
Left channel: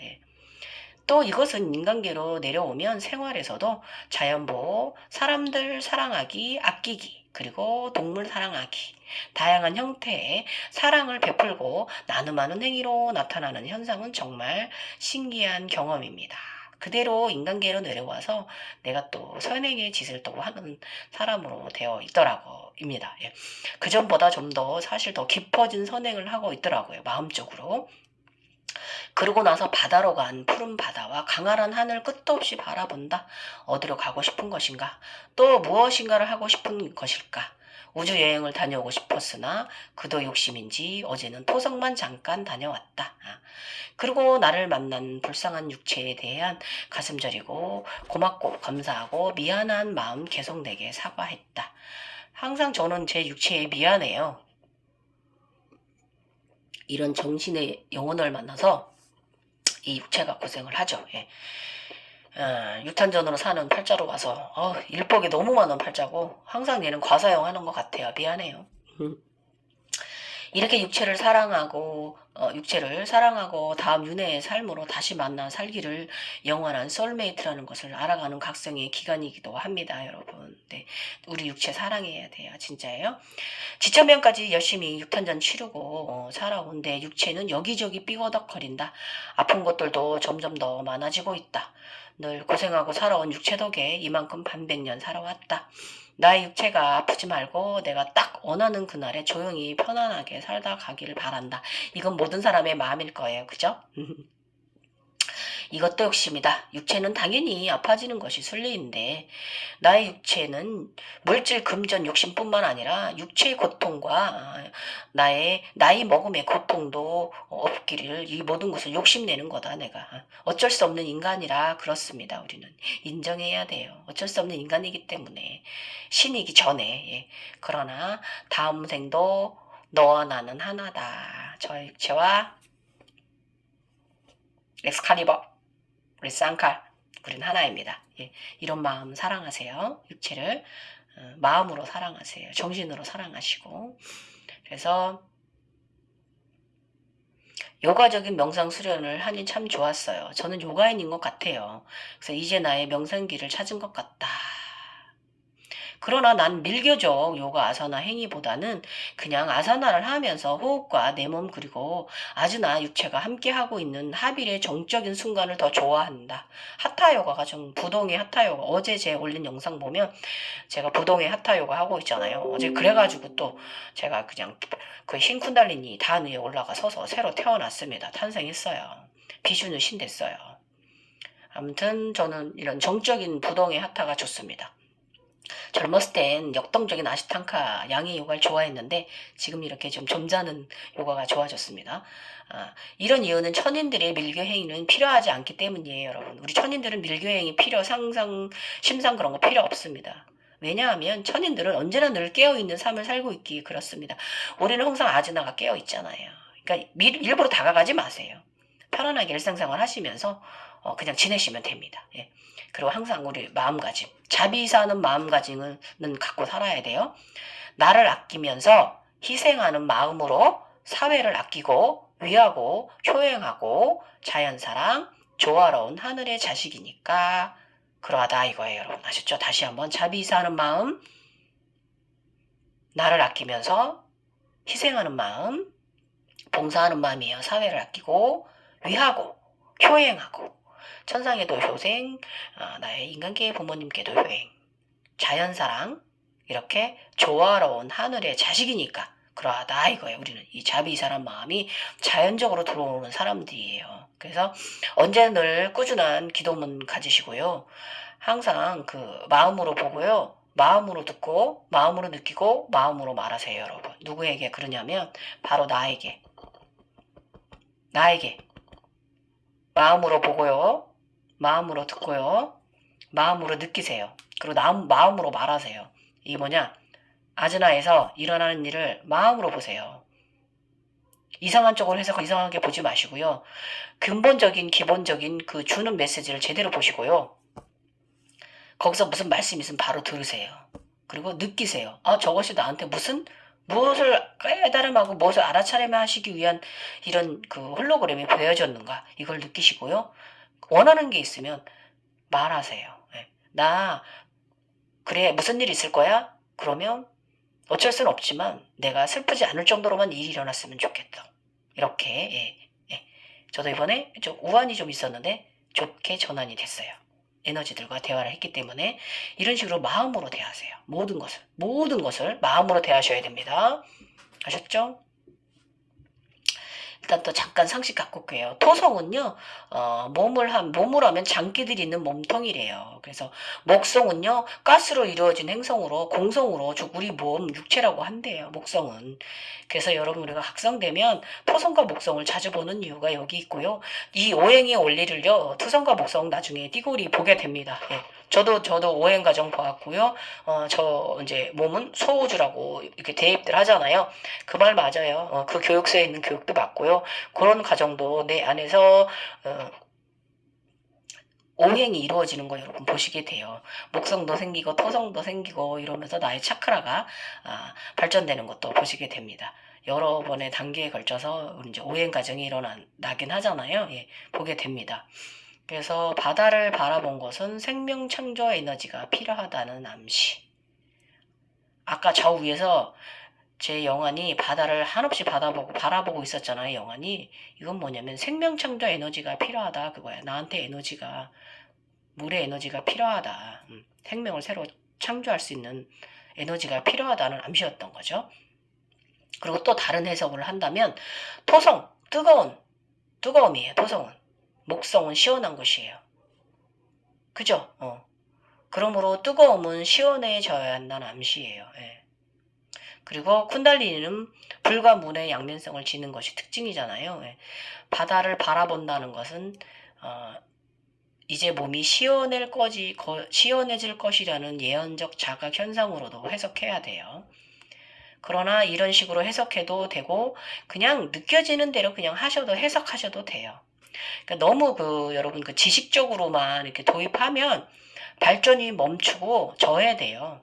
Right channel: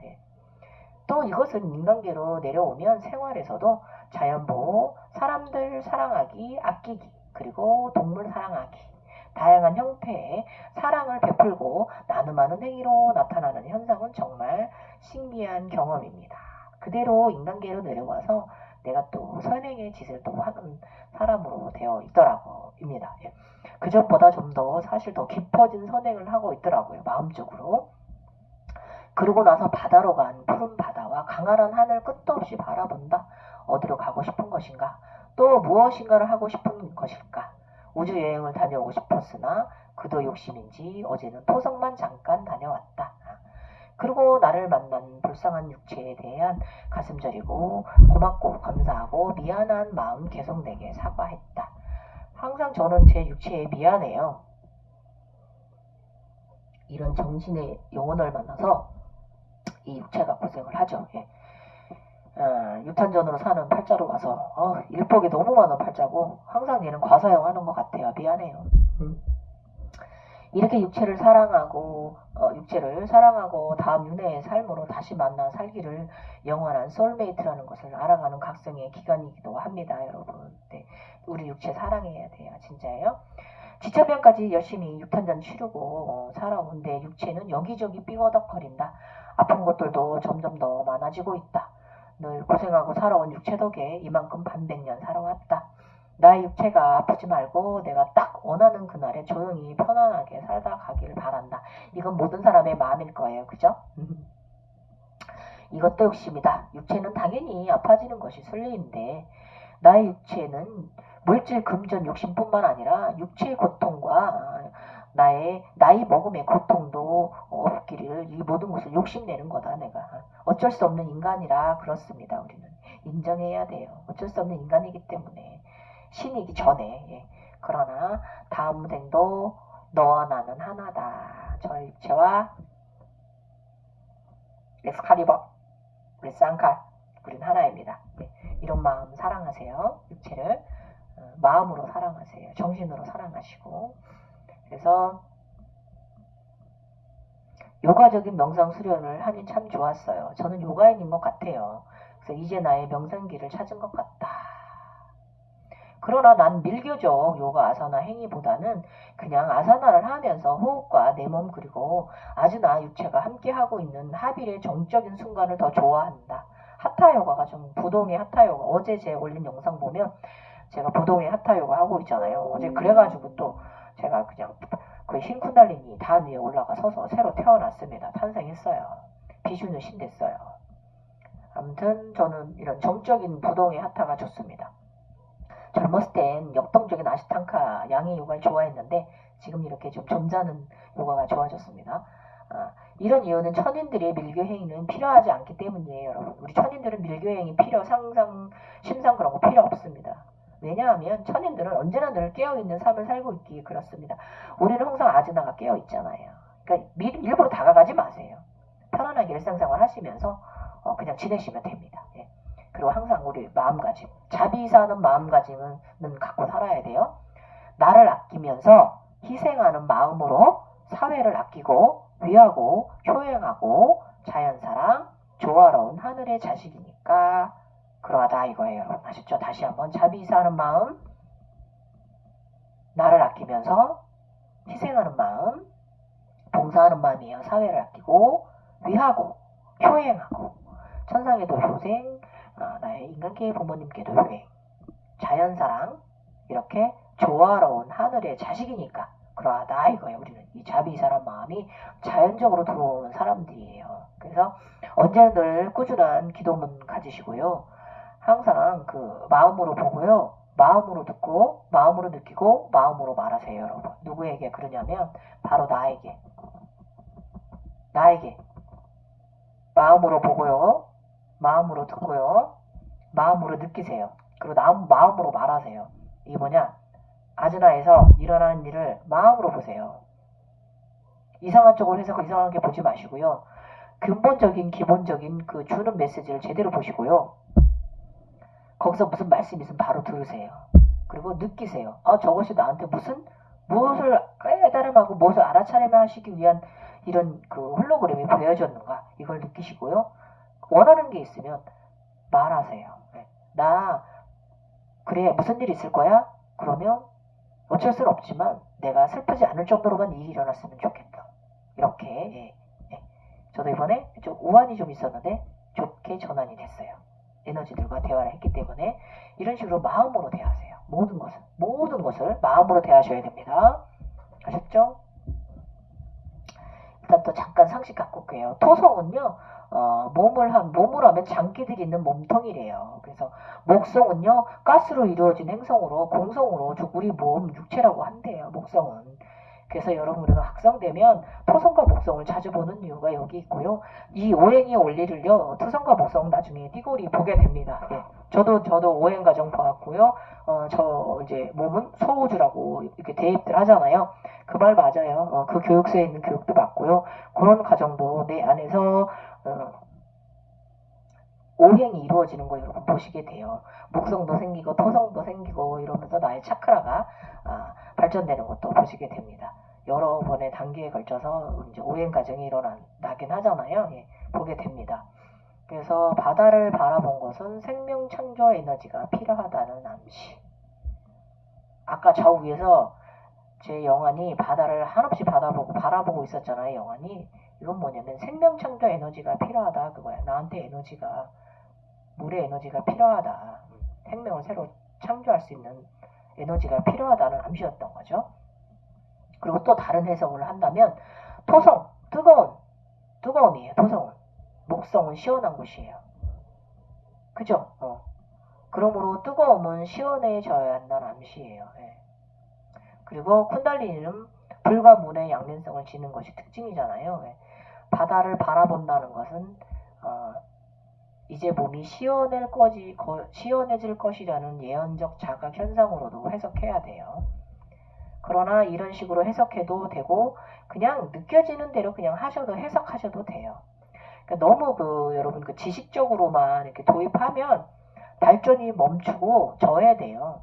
또 이것은 인간계로 내려오면 생활에서도 자연보호, 사람들 사랑하기, 아끼기, 그리고 동물 사랑하기, 다양한 형태의 사랑을 베풀고 나눔하는 행위로 나타나는 현상은 정말 신기한 경험입니다. 그대로 인간계로 내려와서 내가 또 선행의 짓을 또 하는 사람으로 되어 있더라고입니다. 그 전보다 좀 더 사실 더 깊어진 선행을 하고 있더라고요. 마음적으로. 그러고 나서 바다로 간 푸른 바다와 강활한 하늘 끝도 없이 바라본다. 어디로 가고 싶은 것인가? 또 무엇인가를 하고 싶은 것일까? 우주 여행을 다녀오고 싶었으나 그도 욕심인지 어제는 토성만 잠깐 다녀왔다. 그리고 나를 만난 불쌍한 육체에 대한 가슴 저리고 고맙고 감사하고 미안한 마음 계속 내게 사과했다. 항상 저는 제 육체에 미안해요. 이런 정신의 영혼을 만나서 이 육체가 고생을 하죠. 유탄전으로 사는 팔자로 와서 일복이 너무 많은 팔자고 항상 얘는 과사용 하는 것 같아요. 미안해요. 이렇게 육체를 사랑하고 다음 윤회의 삶으로 다시 만나 살기를 영원한 소울메이트라는 것을 알아가는 각성의 기간이기도 합니다, 여러분. 네, 우리 육체 사랑해야 돼요, 진짜예요. 지천명까지 열심히 육탄전 치르고 살아온 내 육체는 여기저기 삐거덕거린다. 아픈 것들도 점점 더 많아지고 있다. 늘 고생하고 살아온 육체 덕에 이만큼 반백년 살아왔다. 나의 육체가 아프지 말고 내가 딱 원하는 그날에 조용히 편안하게 살다 가기를 바란다. 이건 모든 사람의 마음일 거예요. 그죠? 이것도 욕심이다. 육체는 당연히 아파지는 것이 순리인데 나의 육체는 물질 금전 욕심뿐만 아니라 육체의 고통과 나이 먹음의 고통도 없기를 이 모든 것을 욕심내는 거다. 내가 어쩔 수 없는 인간이라 그렇습니다. 우리는 인정해야 돼요. 어쩔 수 없는 인간이기 때문에 신이기 전에 그러나 다음 생도 너와 나는 하나다. 저 육체와 엑스칼리버 우리 쌍칼 우린 하나입니다. 이런 마음 사랑하세요. 육체를 마음으로 사랑하세요. 정신으로 사랑하시고 그래서 요가적인 명상 수련을 하니 참 좋았어요. 저는 요가인인 것 같아요. 그래서 이제 나의 명상기를 찾은 것 같다. 그러나 난 밀교적 요가 아사나 행위보다는 그냥 아사나를 하면서 호흡과 내 몸 그리고 아주 나 육체가 함께하고 있는 합일의 정적인 순간을 더 좋아한다. 하타요가가 좀 부동의 하타요가 어제 제가 올린 영상 보면 제가 부동의 하타요가 하고 있잖아요. 어제 그래가지고 또 제가 그냥 그 흰 쿤달리니 단 위에 올라가 서서 새로 태어났습니다. 탄생했어요. 비주는 신 됐어요. 아무튼 저는 이런 정적인 부동의 하타가 좋습니다. 젊었을 땐 역동적인 아시탄카 양의 요가를 좋아했는데 지금 이렇게 좀 점잖은 요가가 좋아졌습니다. 이런 이유는 천인들의 밀교 행위는 필요하지 않기 때문이에요, 여러분. 우리 천인들은 밀교 행위 상상, 심상 그런 거 필요 없습니다. 왜냐하면 천인들은 언제나 늘 깨어있는 삶을 살고 있기에 그렇습니다. 우리는 항상 아즈나가 깨어있잖아요. 그러니까 일부러 다가가지 마세요. 편안하게 일상생활 하시면서 그냥 지내시면 됩니다. 그리고 항상 우리 마음가짐, 자비사는 마음가짐은 갖고 살아야 돼요. 나를 아끼면서 희생하는 마음으로 사회를 아끼고 위하고 효행하고 자연사랑 조화로운 하늘의 자식이니까 그러하다 이거예요. 여러분 아셨죠? 다시 한번 자비사하는 마음, 나를 아끼면서 희생하는 마음, 봉사하는 마음이에요. 사회를 아끼고 위하고 효행하고 천상에도 효생, 나의 인간계의 부모님께도 효행, 자연사랑 이렇게 조화로운 하늘의 자식이니까 그러하다 이거예요. 우리는 이 자비사란 마음이 자연적으로 들어오는 사람들이에요. 그래서 언제 늘 꾸준한 기도문 가지시고요. 항상 그 마음으로 보고요. 마음으로 듣고 마음으로 느끼고 마음으로 말하세요. 여러분. 누구에게 그러냐면 바로 나에게 마음으로 보고요. 마음으로 듣고요. 마음으로 느끼세요. 그리고 마음으로 말하세요. 이 뭐냐? 아즈나에서 일어나는 일을 마음으로 보세요. 이상한 쪽으로 해서 이상하게 보지 마시고요. 근본적인 기본적인 그 주는 메시지를 제대로 보시고요. 거기서 무슨 말씀이 있으면 바로 들으세요. 그리고 느끼세요. 저것이 나한테 무엇을 깨달음하고 무엇을 알아차림하시기 위한 이런 그 홀로그램이 보여졌는가 이걸 느끼시고요. 원하는 게 있으면 말하세요. 나 그래 무슨 일 있을 거야? 그러면 어쩔 수는 없지만 내가 슬프지 않을 정도로만 일이 일어났으면 좋겠다. 이렇게 저도 이번에 좀 우환이 좀 있었는데 좋게 전환이 됐어요. 에너지들과 대화를 했기 때문에 이런 식으로 마음으로 대하세요. 모든 것을 마음으로 대하셔야 됩니다. 아셨죠? 일단 또 잠깐 상식 갖고 올게요. 토성은요, 몸으로 하면 장기들이 있는 몸통이래요. 그래서 목성은요, 가스로 이루어진 행성으로, 공성으로 우리 몸 육체라고 한대요. 목성은. 그래서 여러분 우리가 각성되면 토성과 목성을 자주 보는 이유가 여기 있고요. 이 오행의 원리를요, 토성과 목성 나중에 띠고리 보게 됩니다. 예. 저도 오행 과정 보았고요. 저 이제 몸은 소우주라고 이렇게 대입들 하잖아요. 그 말 맞아요. 그 교육서에 있는 교육도 맞고요. 그런 과정도 내 안에서 오행이 이루어지는 거 여러분 보시게 돼요. 목성도 생기고 토성도 생기고 이러면서 나의 차크라가 발전되는 것도 보시게 됩니다. 여러 번의 단계에 걸쳐서 이제 오행 과정이 일어나긴 하잖아요. 예, 보게 됩니다. 그래서 바다를 바라본 것은 생명 창조 에너지가 필요하다는 암시. 아까 저 위에서 제 영안이 바다를 한없이 바라보고 있었잖아요. 영안이. 이건 뭐냐면 생명 창조 에너지가 필요하다 그거야. 나한테 에너지가 물의 에너지가 필요하다. 생명을 새로 창조할 수 있는 에너지가 필요하다는 암시였던 거죠. 그리고 또 다른 해석을 한다면 토성 뜨거움이에요. 토성은 목성은 시원한 곳이에요. 그죠? 그러므로 뜨거움은 시원해져야 한다는 암시예요. 예. 그리고 쿤달리니는 불과 문의 양면성을 지닌 것이 특징이잖아요. 예. 바다를 바라본다는 것은 이제 몸이 시원해질 것이라는 예언적 자각 현상으로도 해석해야 돼요. 그러나 이런 식으로 해석해도 되고 그냥 느껴지는 대로 그냥 해석하셔도 돼요. 그러니까 너무 여러분 지식적으로만 이렇게 도입하면 발전이 멈추고 져야 돼요.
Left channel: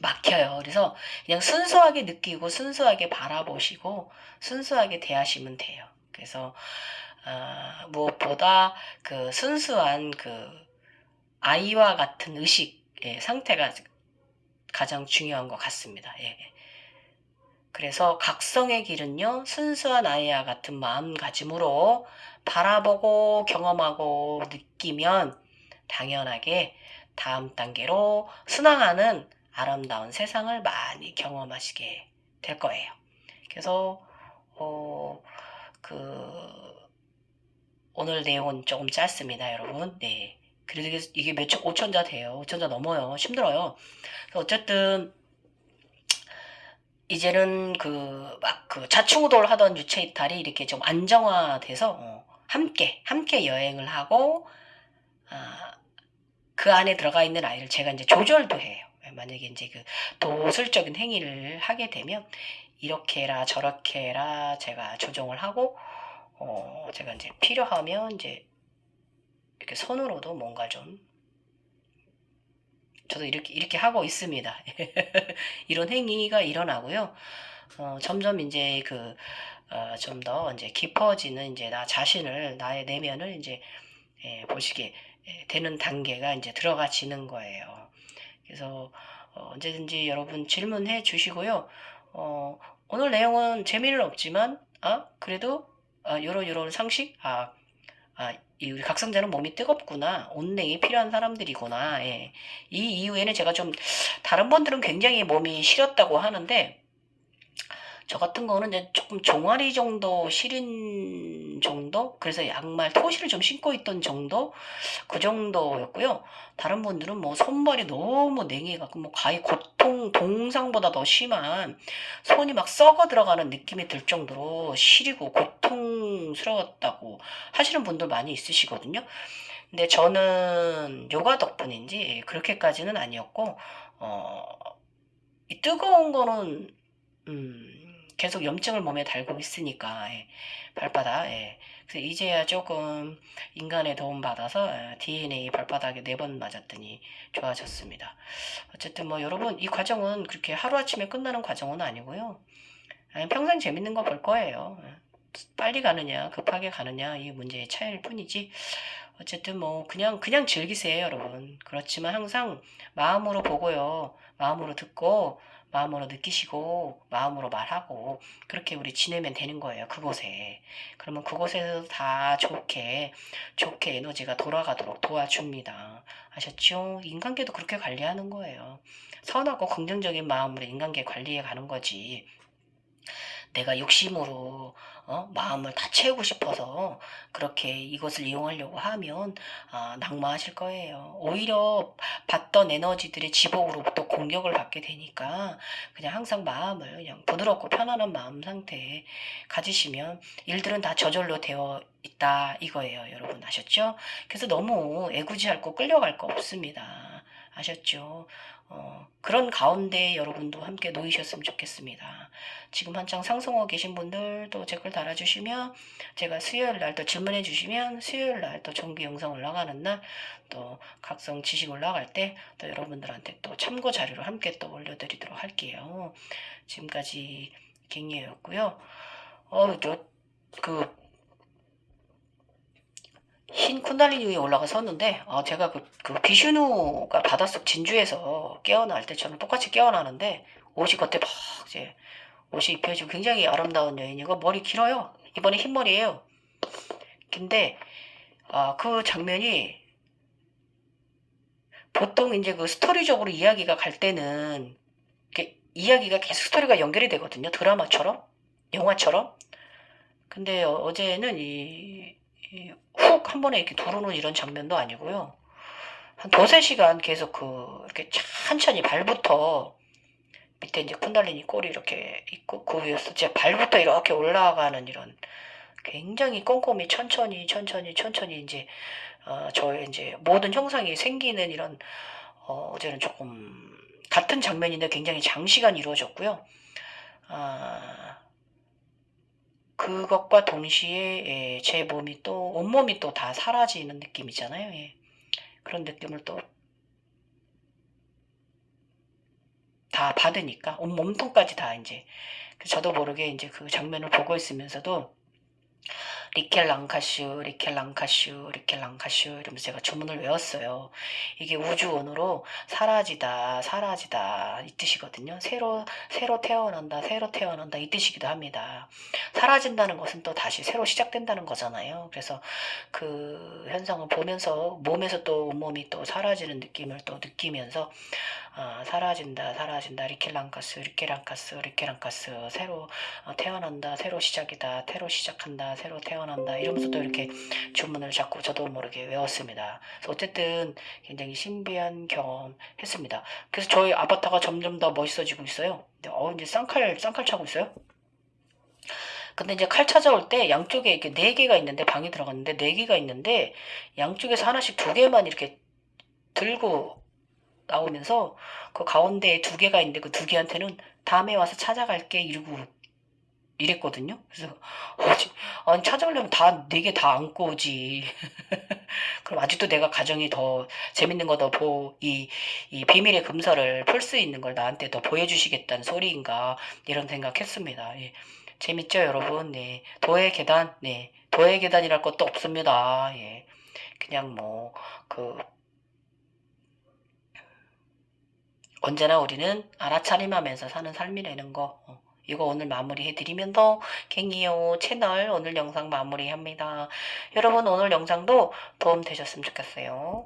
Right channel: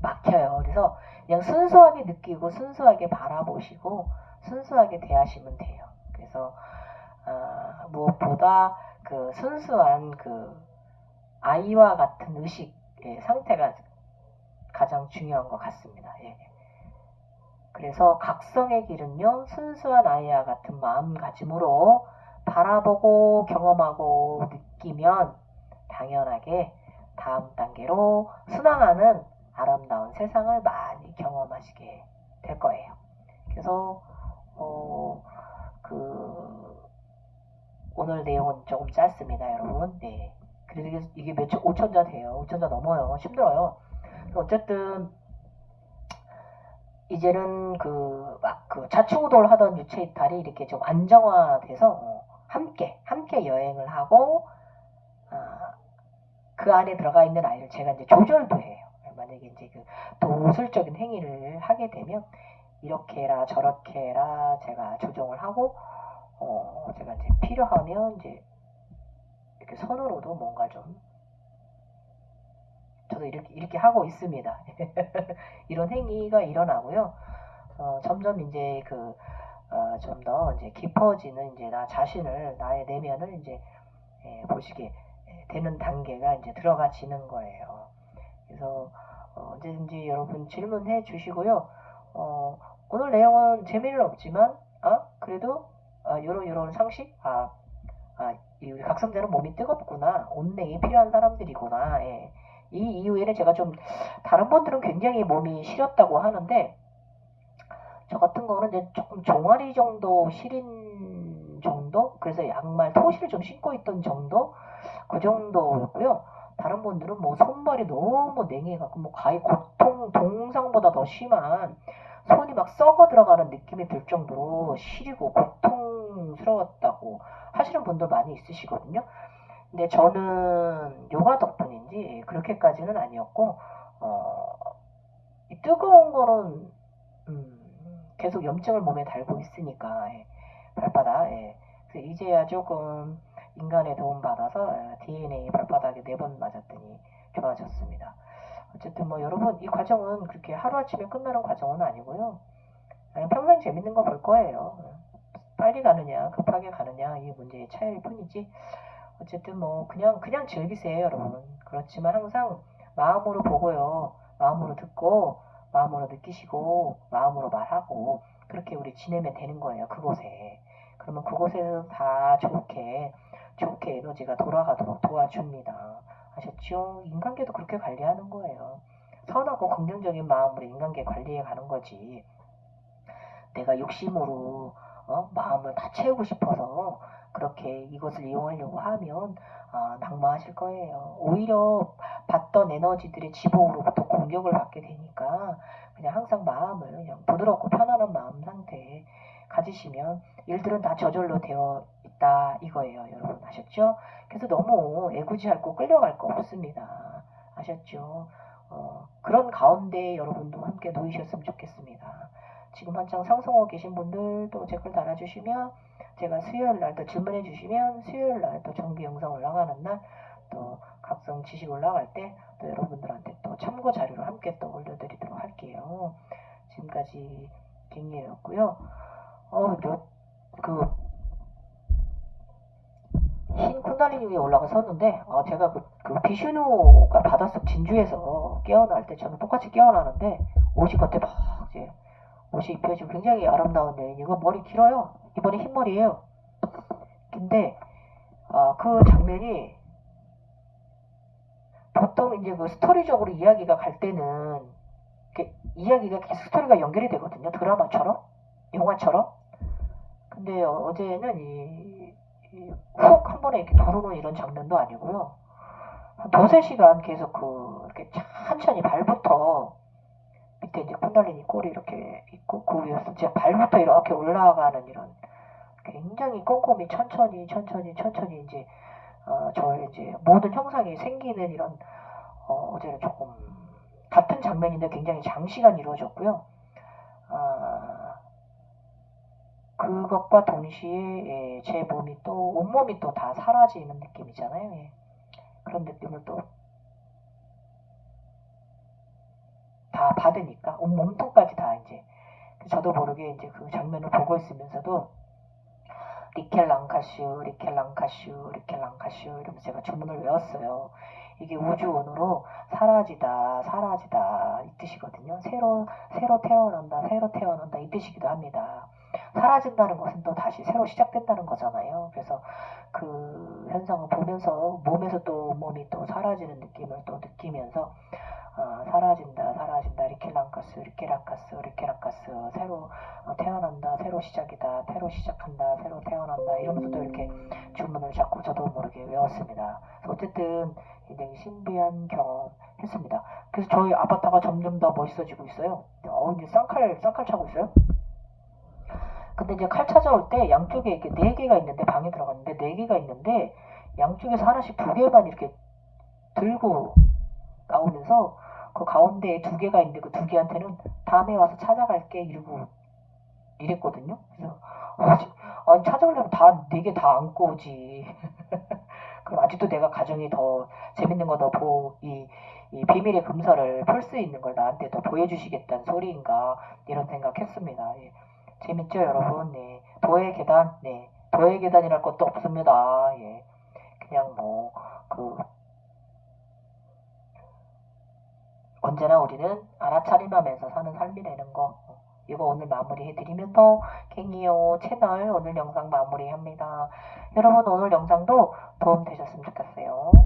막혀요. 그래서 그냥 순수하게 느끼고 순수하게 바라보시고 순수하게 대하시면 돼요. 그래서 무엇보다 순수한 아이와 같은 의식의 상태가 가장 중요한 것 같습니다. 예. 그래서 각성의 길은요, 순수한 아이와 같은 마음가짐으로 바라보고 경험하고 느끼면 당연하게 다음 단계로 순항하는 아름다운 세상을 많이 경험하시게 될 거예요. 그래서 오늘 내용은 조금 짧습니다, 여러분. 네. 그래서 이게 5천자 돼요. 5천자 넘어요. 힘들어요. 어쨌든 이제는 자충우돌 하던 유체 이탈이 이렇게 좀 안정화돼서 함께 여행을 하고 그 안에 들어가 있는 아이를 제가 이제 조절도 해요. 만약에 이제 도술적인 행위를 하게 되면 이렇게 해라 저렇게 해라 제가 조정을 하고 제가 이제 필요하면 이제 이렇게 손으로도 뭔가 좀 저도 이렇게 하고 있습니다. 이런 행위가 일어나고요. 점점 이제 좀 더 이제 깊어지는 이제 나 자신을 나의 내면을 이제 보시게 되는 단계가 이제 들어가지는 거예요. 그래서 언제든지 여러분 질문해 주시고요. 오늘 내용은 재미는 없지만 그래도 요런 상식 이 우리 각성자는 몸이 뜨겁구나. 온냉이 필요한 사람들이구나. 예. 이 이후에는 제가 좀 다른 분들은 굉장히 몸이 시렸다고 하는데 저 같은 거는 이제 조금 종아리 정도 시린 정도? 그래서 양말 토시를 좀 신고 있던 정도? 그 정도였고요. 다른 분들은 뭐 손발이 너무 냉해갖고 뭐 가히 고통 동상보다 더 심한 손이 막 썩어 들어가는 느낌이 들 정도로 시리고 고통스러웠다고 하시는 분들 많이 있으시거든요. 근데 저는 요가 덕분인지 그렇게까지는 아니었고 어, 이 뜨거운 거는 계속 염증을 몸에 달고 있으니까 발바닥 그래서 이제야 조금 인간의 도움 받아서 DNA 발바닥에 4번 맞았더니 좋아졌습니다. 어쨌든 뭐 여러분 이 과정은 그렇게 하루아침에 끝나는 과정은 아니고요. 평생 재밌는 거 볼 거예요. 빨리 가느냐 급하게 가느냐 이 문제의 차이일 뿐이지 어쨌든 뭐 그냥 즐기세요 여러분. 그렇지만 항상 마음으로 보고요. 마음으로 듣고 마음으로 느끼시고 마음으로 말하고 그렇게 우리 지내면 되는 거예요. 그곳에. 그러면 그곳에서 다 좋게 에너지가 돌아가도록 도와줍니다. 아셨죠? 인간계도 그렇게 관리하는 거예요. 선하고 긍정적인 마음으로 인간계 관리해 가는 거지. 내가 욕심으로 마음을 다 채우고 싶어서 그렇게 이것을 이용하려고 하면 낙마하실 거예요. 오히려 받던 에너지들의 지복으로부터 공격을 받게 되니까 그냥 항상 마음을 그냥 부드럽고 편안한 마음 상태에 가지시면 일들은 다 저절로 되어 있다 이거예요. 여러분 아셨죠? 그래서 너무 애구지할 거 끌려갈 거 없습니다. 아셨죠? 그런 가운데 여러분도 함께 놓이셨으면 좋겠습니다. 지금 한창 상승하고 계신 분들 또 댓글 달아주시면 제가 수요일 날 또 질문해 주시면 수요일 날 또 정기 영상 올라가는 날 또 각성 지식 올라갈 때 또 여러분들한테 또 참고 자료를 함께 또 올려드리도록 할게요. 지금까지 갱이였고요. 저그 흰 쿤달리니 위에 올라가 섰는데 제가 그 비슈누가 바닷속 진주에서 깨어날 때 저는 똑같이 깨어나는데 옷이 그때 막 이제 옷이 입혀지고 굉장히 아름다운 여인이고 머리 길어요. 이번에 흰머리예요. 근데 그 장면이 보통 이제 그 스토리적으로 이야기가 갈 때는 이야기가 계속 스토리가 연결이 되거든요. 드라마처럼 영화처럼. 근데 어제는 훅 한 번에 이렇게 들어오는 이런 장면도 아니고요. 한 두세 시간 계속 이렇게 천천히 발부터 밑에 이제 쿤달리니 꼴이 이렇게 있고 그 위에서 제 발부터 이렇게 올라가는 이런 굉장히 꼼꼼히 천천히 이제 저의 이제 모든 형상이 생기는 이런 어제는 조금 같은 장면인데 굉장히 장시간 이루어졌고요. 그것과 동시에 제 몸이 또 온몸이 또 다 사라지는 느낌이잖아요. 예. 그런 느낌을 또 다 받으니까 온 몸통까지 다 이제 저도 모르게 이제 그 장면을 보고 있으면서도 리켈랑카슈 이러면서 제가 주문을 외웠어요. 이게 우주온으로 사라지다 이 뜻이거든요. 새로 태어난다 이 뜻이기도 합니다. 사라진다는 것은 또 다시 새로 시작된다는 거잖아요. 그래서 그 현상을 보면서 몸에서 또 온몸이 또 사라지는 느낌을 또 느끼면서 사라진다 리켈랑카스 새로 태어난다 새로 시작이다 새로 시작한다 새로 태어난다 이러면서도 이렇게 주문을 자꾸 저도 모르게 외웠습니다. 그래서 어쨌든 굉장히 신비한 경험 했습니다. 그래서 저희 아바타가 점점 더 멋있어지고 있어요. 이제 쌍칼 차고 있어요. 근데 이제 칼 찾아올 때 양쪽에 이렇게 4개가 있는데 방에 들어갔는데 4개가 있는데 양쪽에서 하나씩 2개만 이렇게 들고 나오면서 그 가운데에 2개가 있는데 그 2개한테는 다음에 와서 찾아갈게 이러고 이랬거든요. 그래서 아니 찾아오려면 다 4개 다 안고 오지. 그럼 아직도 내가 가정이 더 재밌는 거 더 이 비밀의 금서를 풀 수 있는 걸 나한테 더 보여주시겠다는 소리인가 이런 생각했습니다. 예. 재밌죠 여러분? 네. 도의 계단, 네. 도의 계단이랄 것도 없습니다. 예. 그냥 뭐 그 언제나 우리는 알아차림하면서 사는 삶이라는 거. 이거 오늘 마무리해드리면서 갱이요 채널 오늘 영상 마무리합니다. 여러분 오늘 영상도 도움 되셨으면 좋겠어요.